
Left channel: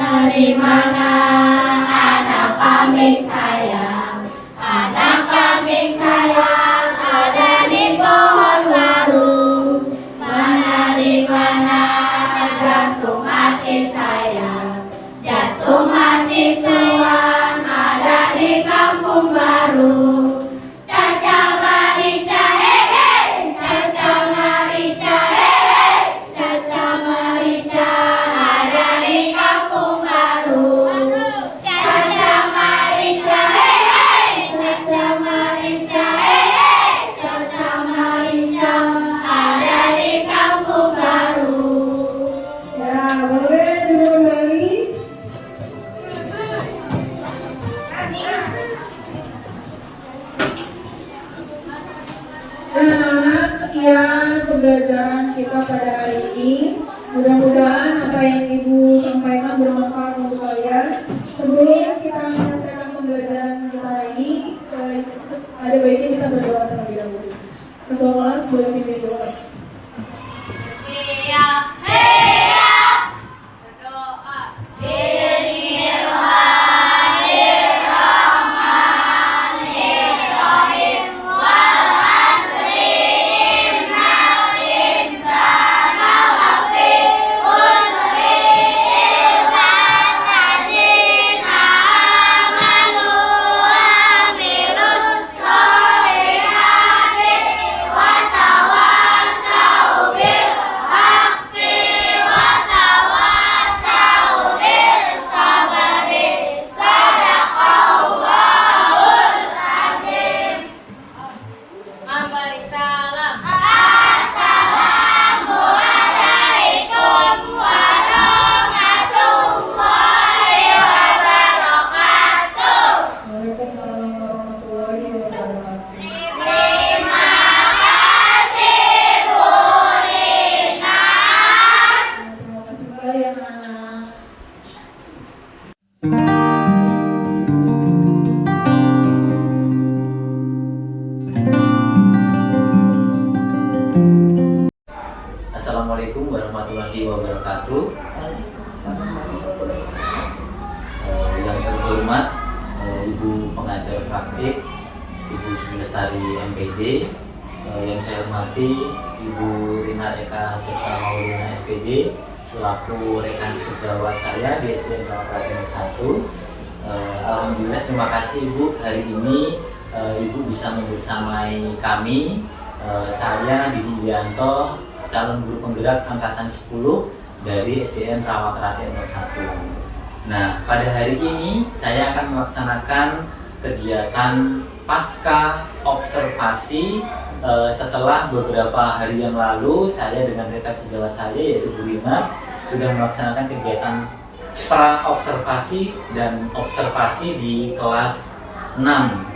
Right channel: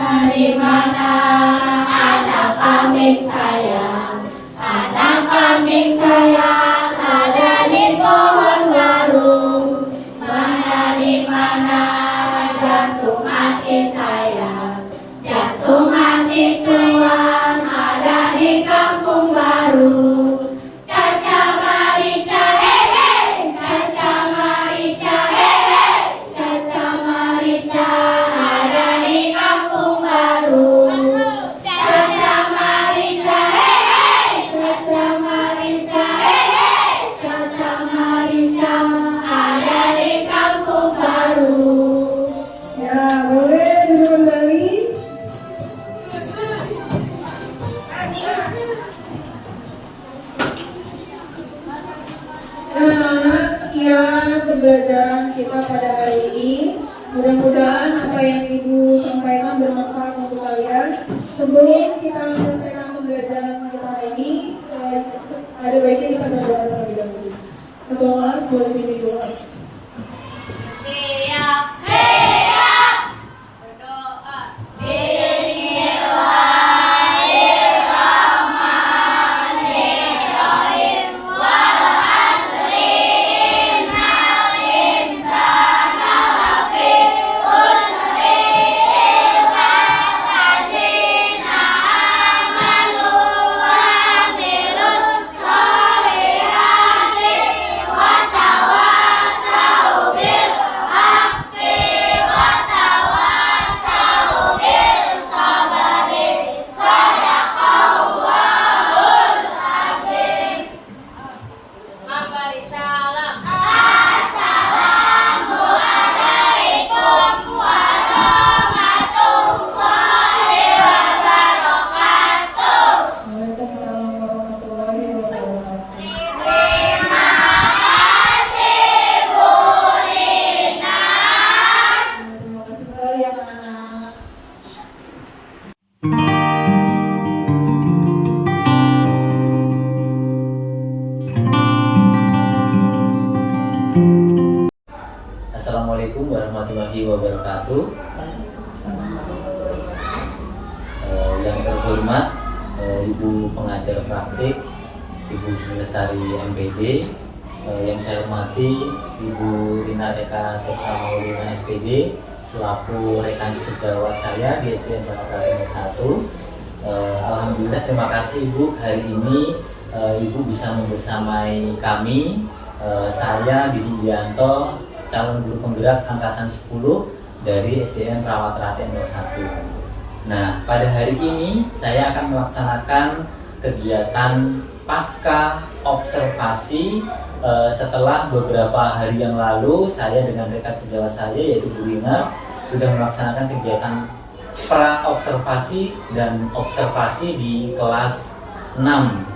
Dari mana anak kambing sayang, anak kambing sayang ada di pohon baru. Mana di mana jantung hati sayang, jantung hati tuang ada di kampung baru. Caca Marica hehe, Caca Marica hehe, Caca Marica ada di kampung baru. Caca Marica hehe, Caca Marica hehe, Caca Marica ada di kampung baru. Ya, boleh diulang lagi. Nah, anak-anak, sekian pembelajaran kita pada hari ini. Mudah-mudahan apa yang Ibu sampaikan bermanfaat untuk kalian. Sebelum kita menyelesaikan pembelajaran kita hari ini, ada baiknya bisa berdoa terlebih dahulu. Ketua kelas boleh pimpin doa. Siap, siap. Berdoa. Bismillahirrahmanirrahim. Wal asri innal insana lafi khusri illa alladzina amanu wa amilus sholihati wa tawassau bil haqqi wa tawassau bis sabri. Sadaqallahul azim. Mari salam. Assalamualaikum warahmatullahi wabarakatuh. Waalaikumsalam warahmatullahi wabarakatuh. Terima kasih Bu Rina. Terima kasih sekali anak-anak. Assalamualaikum warahmatullahi wabarakatuh. Yang terhormat Ibu pengajar praktik, Ibu Sri Lestari MPD, yang saya hormati Ibu Rina Eka Septa Maulina SPD selaku rekan sejawat saya di SDN Rawat Raten 1. Alhamdulillah, terima kasih Ibu, hari ini Ibu bisa membersamai kami. Saya Didi Widianto, calon guru penggerak angkatan 10 dari SDN Rawat Raten 1. Nah, pada hari ini saya akan melaksanakan kegiatan pasca observasi setelah beberapa hari yang lalu saya dengan rekan sejawat saya yaitu Bu Rina sudah melaksanakan kegiatan pra observasi dan observasi di kelas 6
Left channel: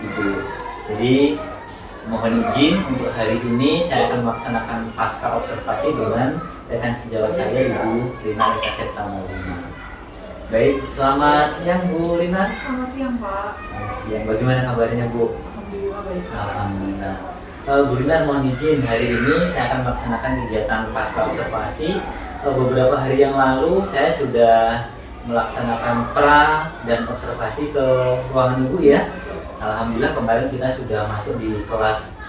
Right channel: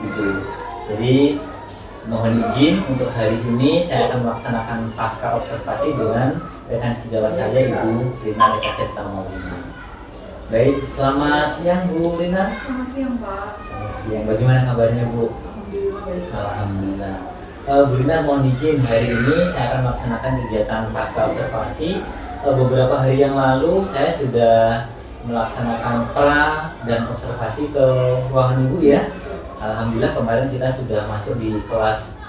gitu. Jadi mohon izin untuk hari ini saya akan melaksanakan pasca observasi dengan rekan sejawat saya Ibu Rina Eka Septa Maulina. Baik, selamat siang Bu Rina. Selamat siang Pak. Selamat siang. Bagaimana kabarnya Bu? Alhamdulillah baik. Alhamdulillah. Bu Rina mohon izin hari ini saya akan melaksanakan kegiatan pasca observasi. Beberapa hari yang lalu saya sudah melaksanakan pra dan observasi ke ruangan Ibu ya. Alhamdulillah kemarin kita sudah masuk di kelas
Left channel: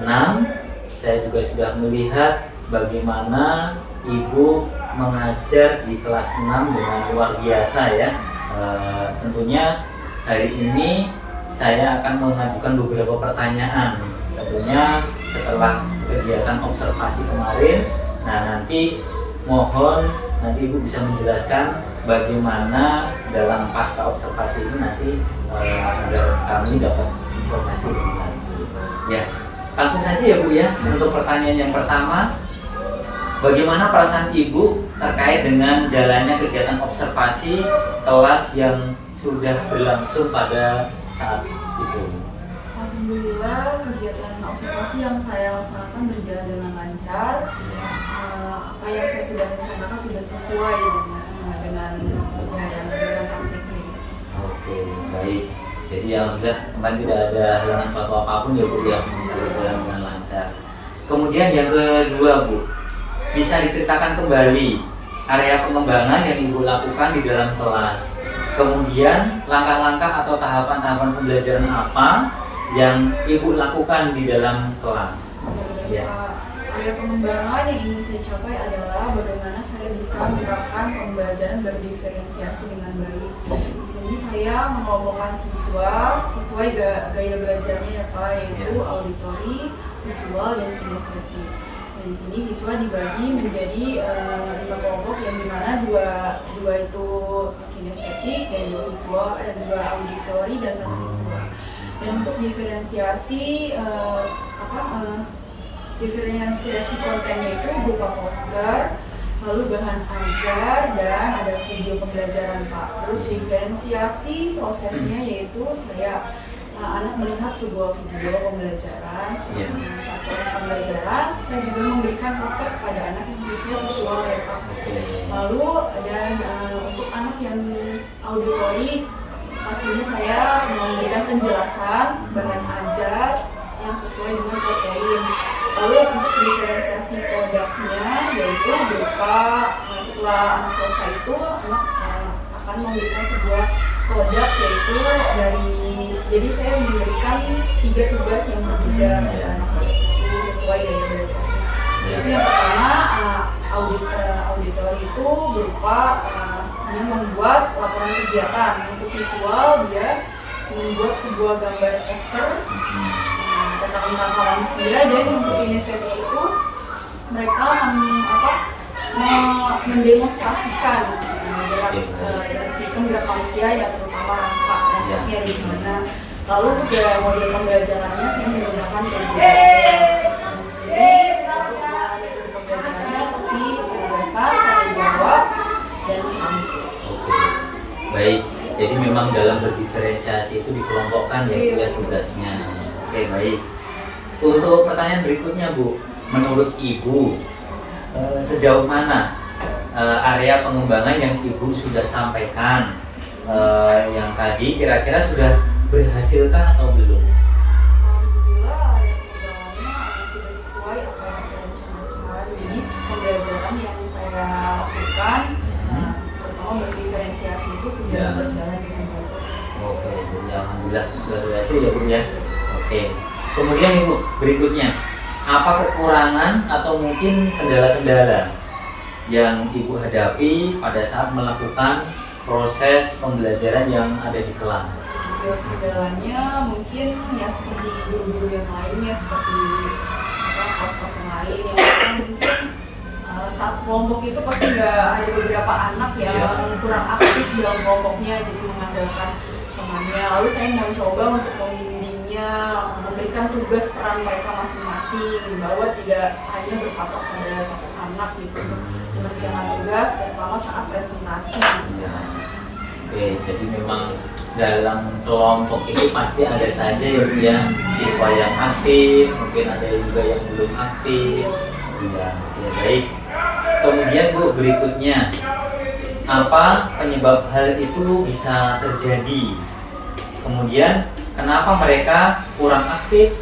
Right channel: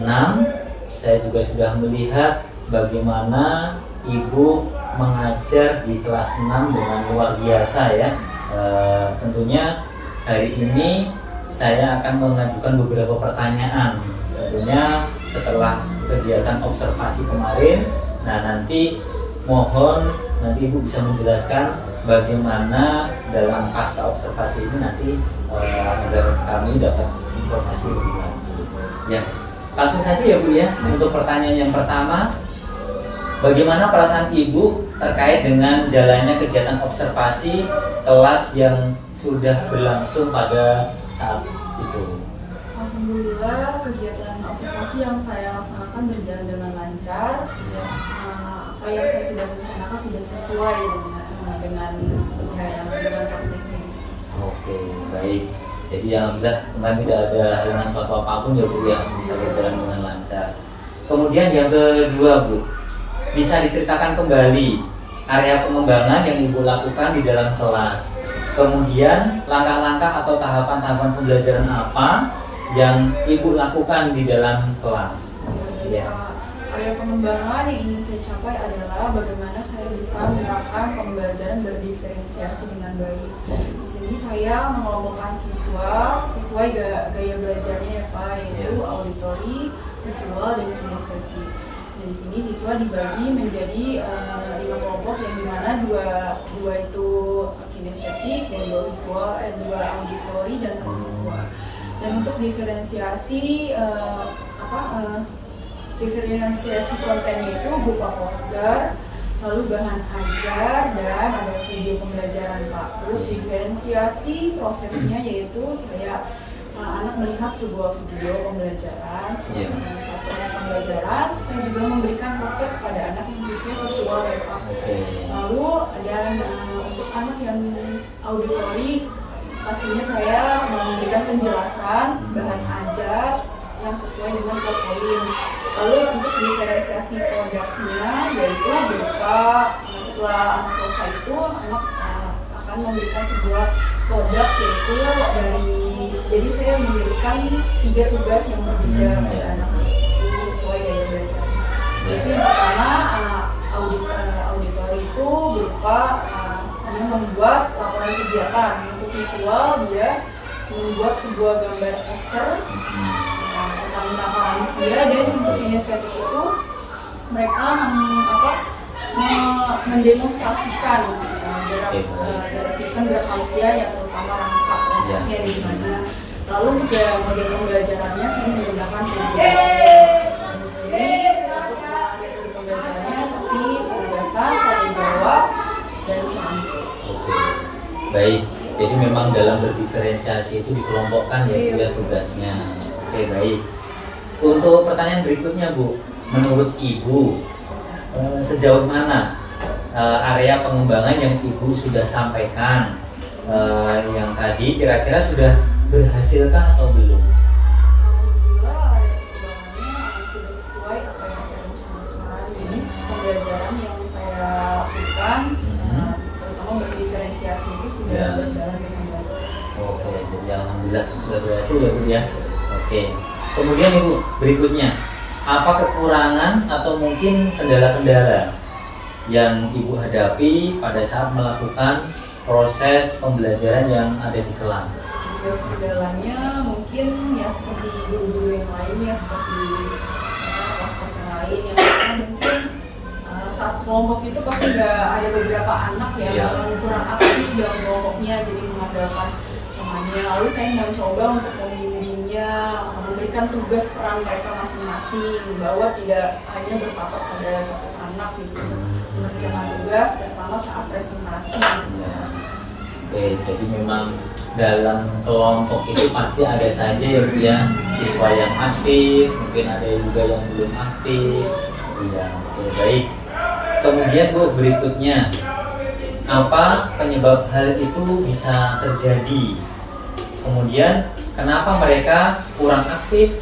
6. Saya juga sudah melihat bagaimana Ibu mengajar di kelas 6 dengan luar biasa ya. Tentunya hari ini saya akan mengajukan beberapa pertanyaan. Tentunya setelah kegiatan observasi kemarin, nah nanti mohon nanti Ibu bisa menjelaskan bagaimana dalam pasca observasi ini nanti agar kami dapat informasi lebih lanjut. Ya, langsung saja ya Bu ya. Untuk pertanyaan yang pertama, bagaimana perasaan Ibu terkait dengan jalannya kegiatan observasi kelas yang sudah berlangsung pada saat itu? Alhamdulillah kegiatan observasi yang saya laksanakan berjalan dengan lancar. Apa yang saya sudah rencanakan sudah sesuai dengan praktiknya. Oke, baik. Jadi alhamdulillah kemarin tidak ada halangan suatu apapun ya Bu ya, bisa berjalan dengan lancar. Kemudian yang kedua Bu, bisa diceritakan kembali area pengembangan yang Ibu lakukan di dalam kelas. Kemudian langkah-langkah atau tahapan-tahapan pembelajaran apa yang Ibu lakukan di dalam kelas? Ya. Area pengembangan yang ingin saya capai adalah bagaimana saya bisa menerapkan pembelajaran berdiferensiasi dengan baik. Di sini saya mengelompokkan siswa sesuai gaya belajarnya ya Pak, yaitu auditori, visual, dan kinestetik. Di sini siswa dibagi menjadi 5 kelompok yang dimana dua itu kinestetik dan 2 visual, 2 auditori dan 1 visual. Dan untuk diferensiasi diferensiasi kontennya itu berupa poster, lalu bahan ajar, dan ada video pembelajaran Pak. Terus diferensiasi prosesnya yaitu anak melihat sebuah video pembelajaran, saat proses pembelajaran saya juga memberikan poster kepada anak yang khususnya visual ya Pak. Lalu dan untuk anak yang auditori pastinya saya memberikan penjelasan bahan ajar yang sesuai dengan poin. Lalu untuk diferensiasi produknya yaitu berupa setelah anak selesai itu anak akan memberikan sebuah produk yaitu jadi saya memberikan 3 tugas yang berbeda pada anak itu sesuai gaya belajar. Yaitu yang pertama auditori itu berupa dia membuat laporan kegiatan. Untuk visual dia membuat sebuah gambar poster tentang manusia, dan untuk kinestetik itu mereka mendemonstrasikan dari sistem gerak manusia yang terutama rangkaknya di mana. Lalu juga model pembelajarannya saya menggunakan PJJ. Di sini untuk metode pembelajarannya pasti berdasar tanya jawab dan contoh. Oke, baik. Jadi memang dalam berdiferensiasi itu dikelompokkan ya tugasnya. Oke, baik. Untuk pertanyaan berikutnya Bu, menurut Ibu sejauh mana area pengembangan yang Ibu sudah sampaikan yang tadi kira-kira sudah berhasilkah atau belum? Alhamdulillah area pengembangannya sudah sesuai apa yang saya rencanakan. Jadi pembelajaran yang saya lakukan terutama berdiferensiasi itu sudah berjalan dengan baik. Oke, jadi alhamdulillah sudah berhasil ya Bu ya. Oke. Kemudian Ibu, berikutnya, apa kekurangan atau mungkin kendala-kendala yang Ibu hadapi pada saat melakukan proses pembelajaran yang ada di kelas? Kendalanya mungkin ya seperti guru-guru yang lainnya, seperti kelas-kelas yang lain yang mungkin saat kelompok itu pasti nggak ada beberapa anak yang kurang aktif dalam kelompoknya, jadi mengandalkan temannya. Lalu saya mencoba untuk membimbingnya, memberikan tugas peran mereka masing-masing, bahwa tidak hanya berpatok pada satu anak gitu, mengerjakan tugas terutama saat presentasi. Oke, jadi memang dalam kelompok itu pasti ada saja ya Bu ya, siswa yang aktif, mungkin ada juga yang belum aktif. Iya, oke, baik. Kemudian Bu, berikutnya, apa penyebab hal itu bisa terjadi? Kemudian kenapa mereka kurang aktif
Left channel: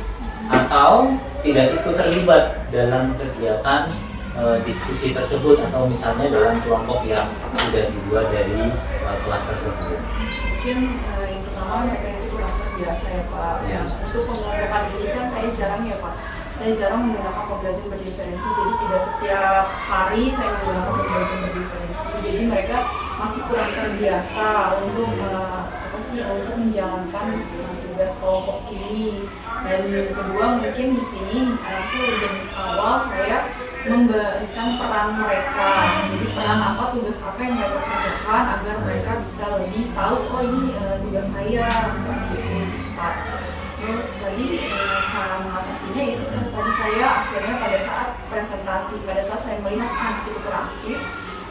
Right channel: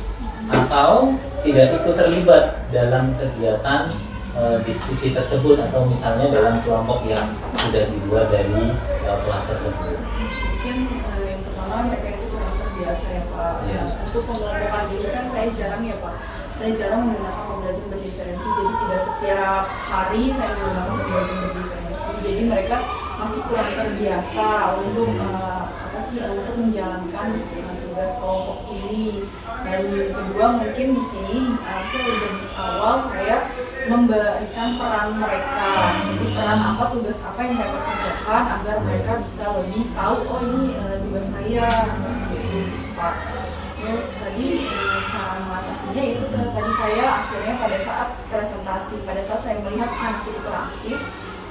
atau tidak ikut terlibat dalam kegiatan diskusi tersebut, atau misalnya dalam kelompok yang sudah dibuat dari kelas tersebut? Mungkin yang pertama mereka itu kurang terbiasa ya Pak. Untuk pengelompokan ini kan saya jarang ya Pak. Saya jarang menggunakan pembelajaran berdiferensi, jadi tidak setiap hari saya menggunakan pembelajaran berdiferensi. Jadi mereka masih kurang terbiasa untuk untuk menjalankan tugas tugas kelompok ini. Dan kedua mungkin di sini langsung dari awal saya memberikan peran mereka, jadi peran apa, tugas apa yang mereka kerjakan agar mereka bisa lebih tahu, oh ini tugas saya seperti itu Pak. Terus tadi cara mengatasinya itu tadi saya akhirnya pada saat presentasi, pada saat saya melihat anak itu beraktif,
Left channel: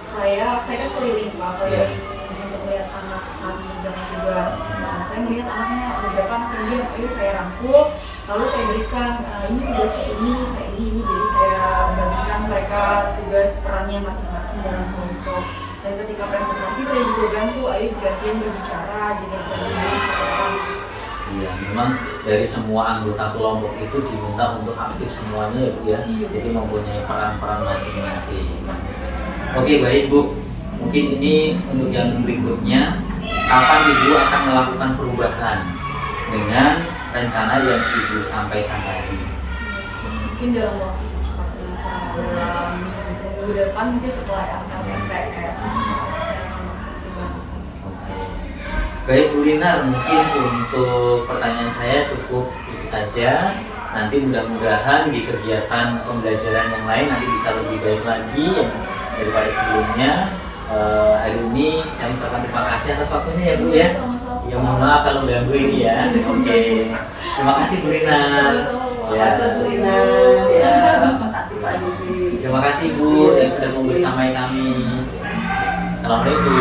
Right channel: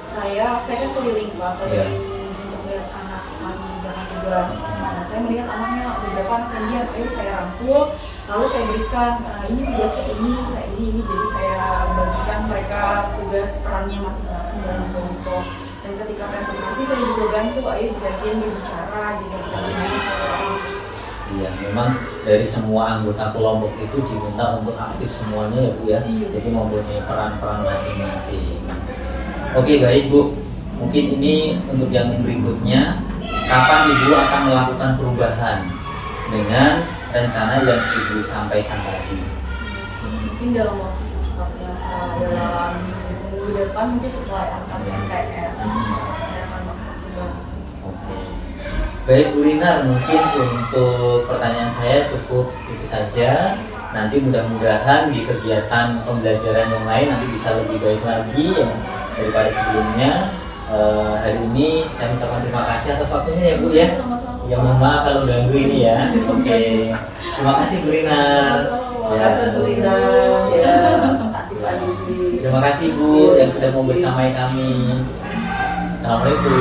saya kan keliling Pak, keliling untuk melihat anak saat mengerjakan tugas. Nah, saya melihat anaknya beberapa anak yang diam, ayo saya rangkul, lalu saya berikan ini tugasnya ini, jadi saya bagikan mereka tugas perannya masing-masing dalam kelompok. Dan ketika presentasi saya juga bantu, ayo gantian berbicara, jadi gantian seorang. Iya, memang dari semua anggota kelompok itu diminta untuk aktif semuanya ya Bu ya. Iya. Jadi mempunyai peran-peran masing-masing. Oke, baik Bu. Mungkin ini untuk yang berikutnya, kapan Ibu akan melakukan perubahan dengan rencana yang Ibu sampaikan tadi? Mungkin dalam waktu secepatnya, dalam minggu depan mungkin setelah angkat STS saya akan melakukan. Oke. Baik Bu Rinar, mungkin untuk pertanyaan saya cukup itu saja. Nanti mudah-mudahan di kegiatan pembelajaran yang lain nanti bisa lebih baik lagi daripada sebelumnya. Hari ini saya mengucapkan terima kasih atas waktunya ya Bu ya. Ya mohon maaf kalau ganggu ini ya. Oke. Terima kasih Bu Rinar. Ya. Terima kasih Bu yang sudah mau bersamai kami. Assalamualaikum.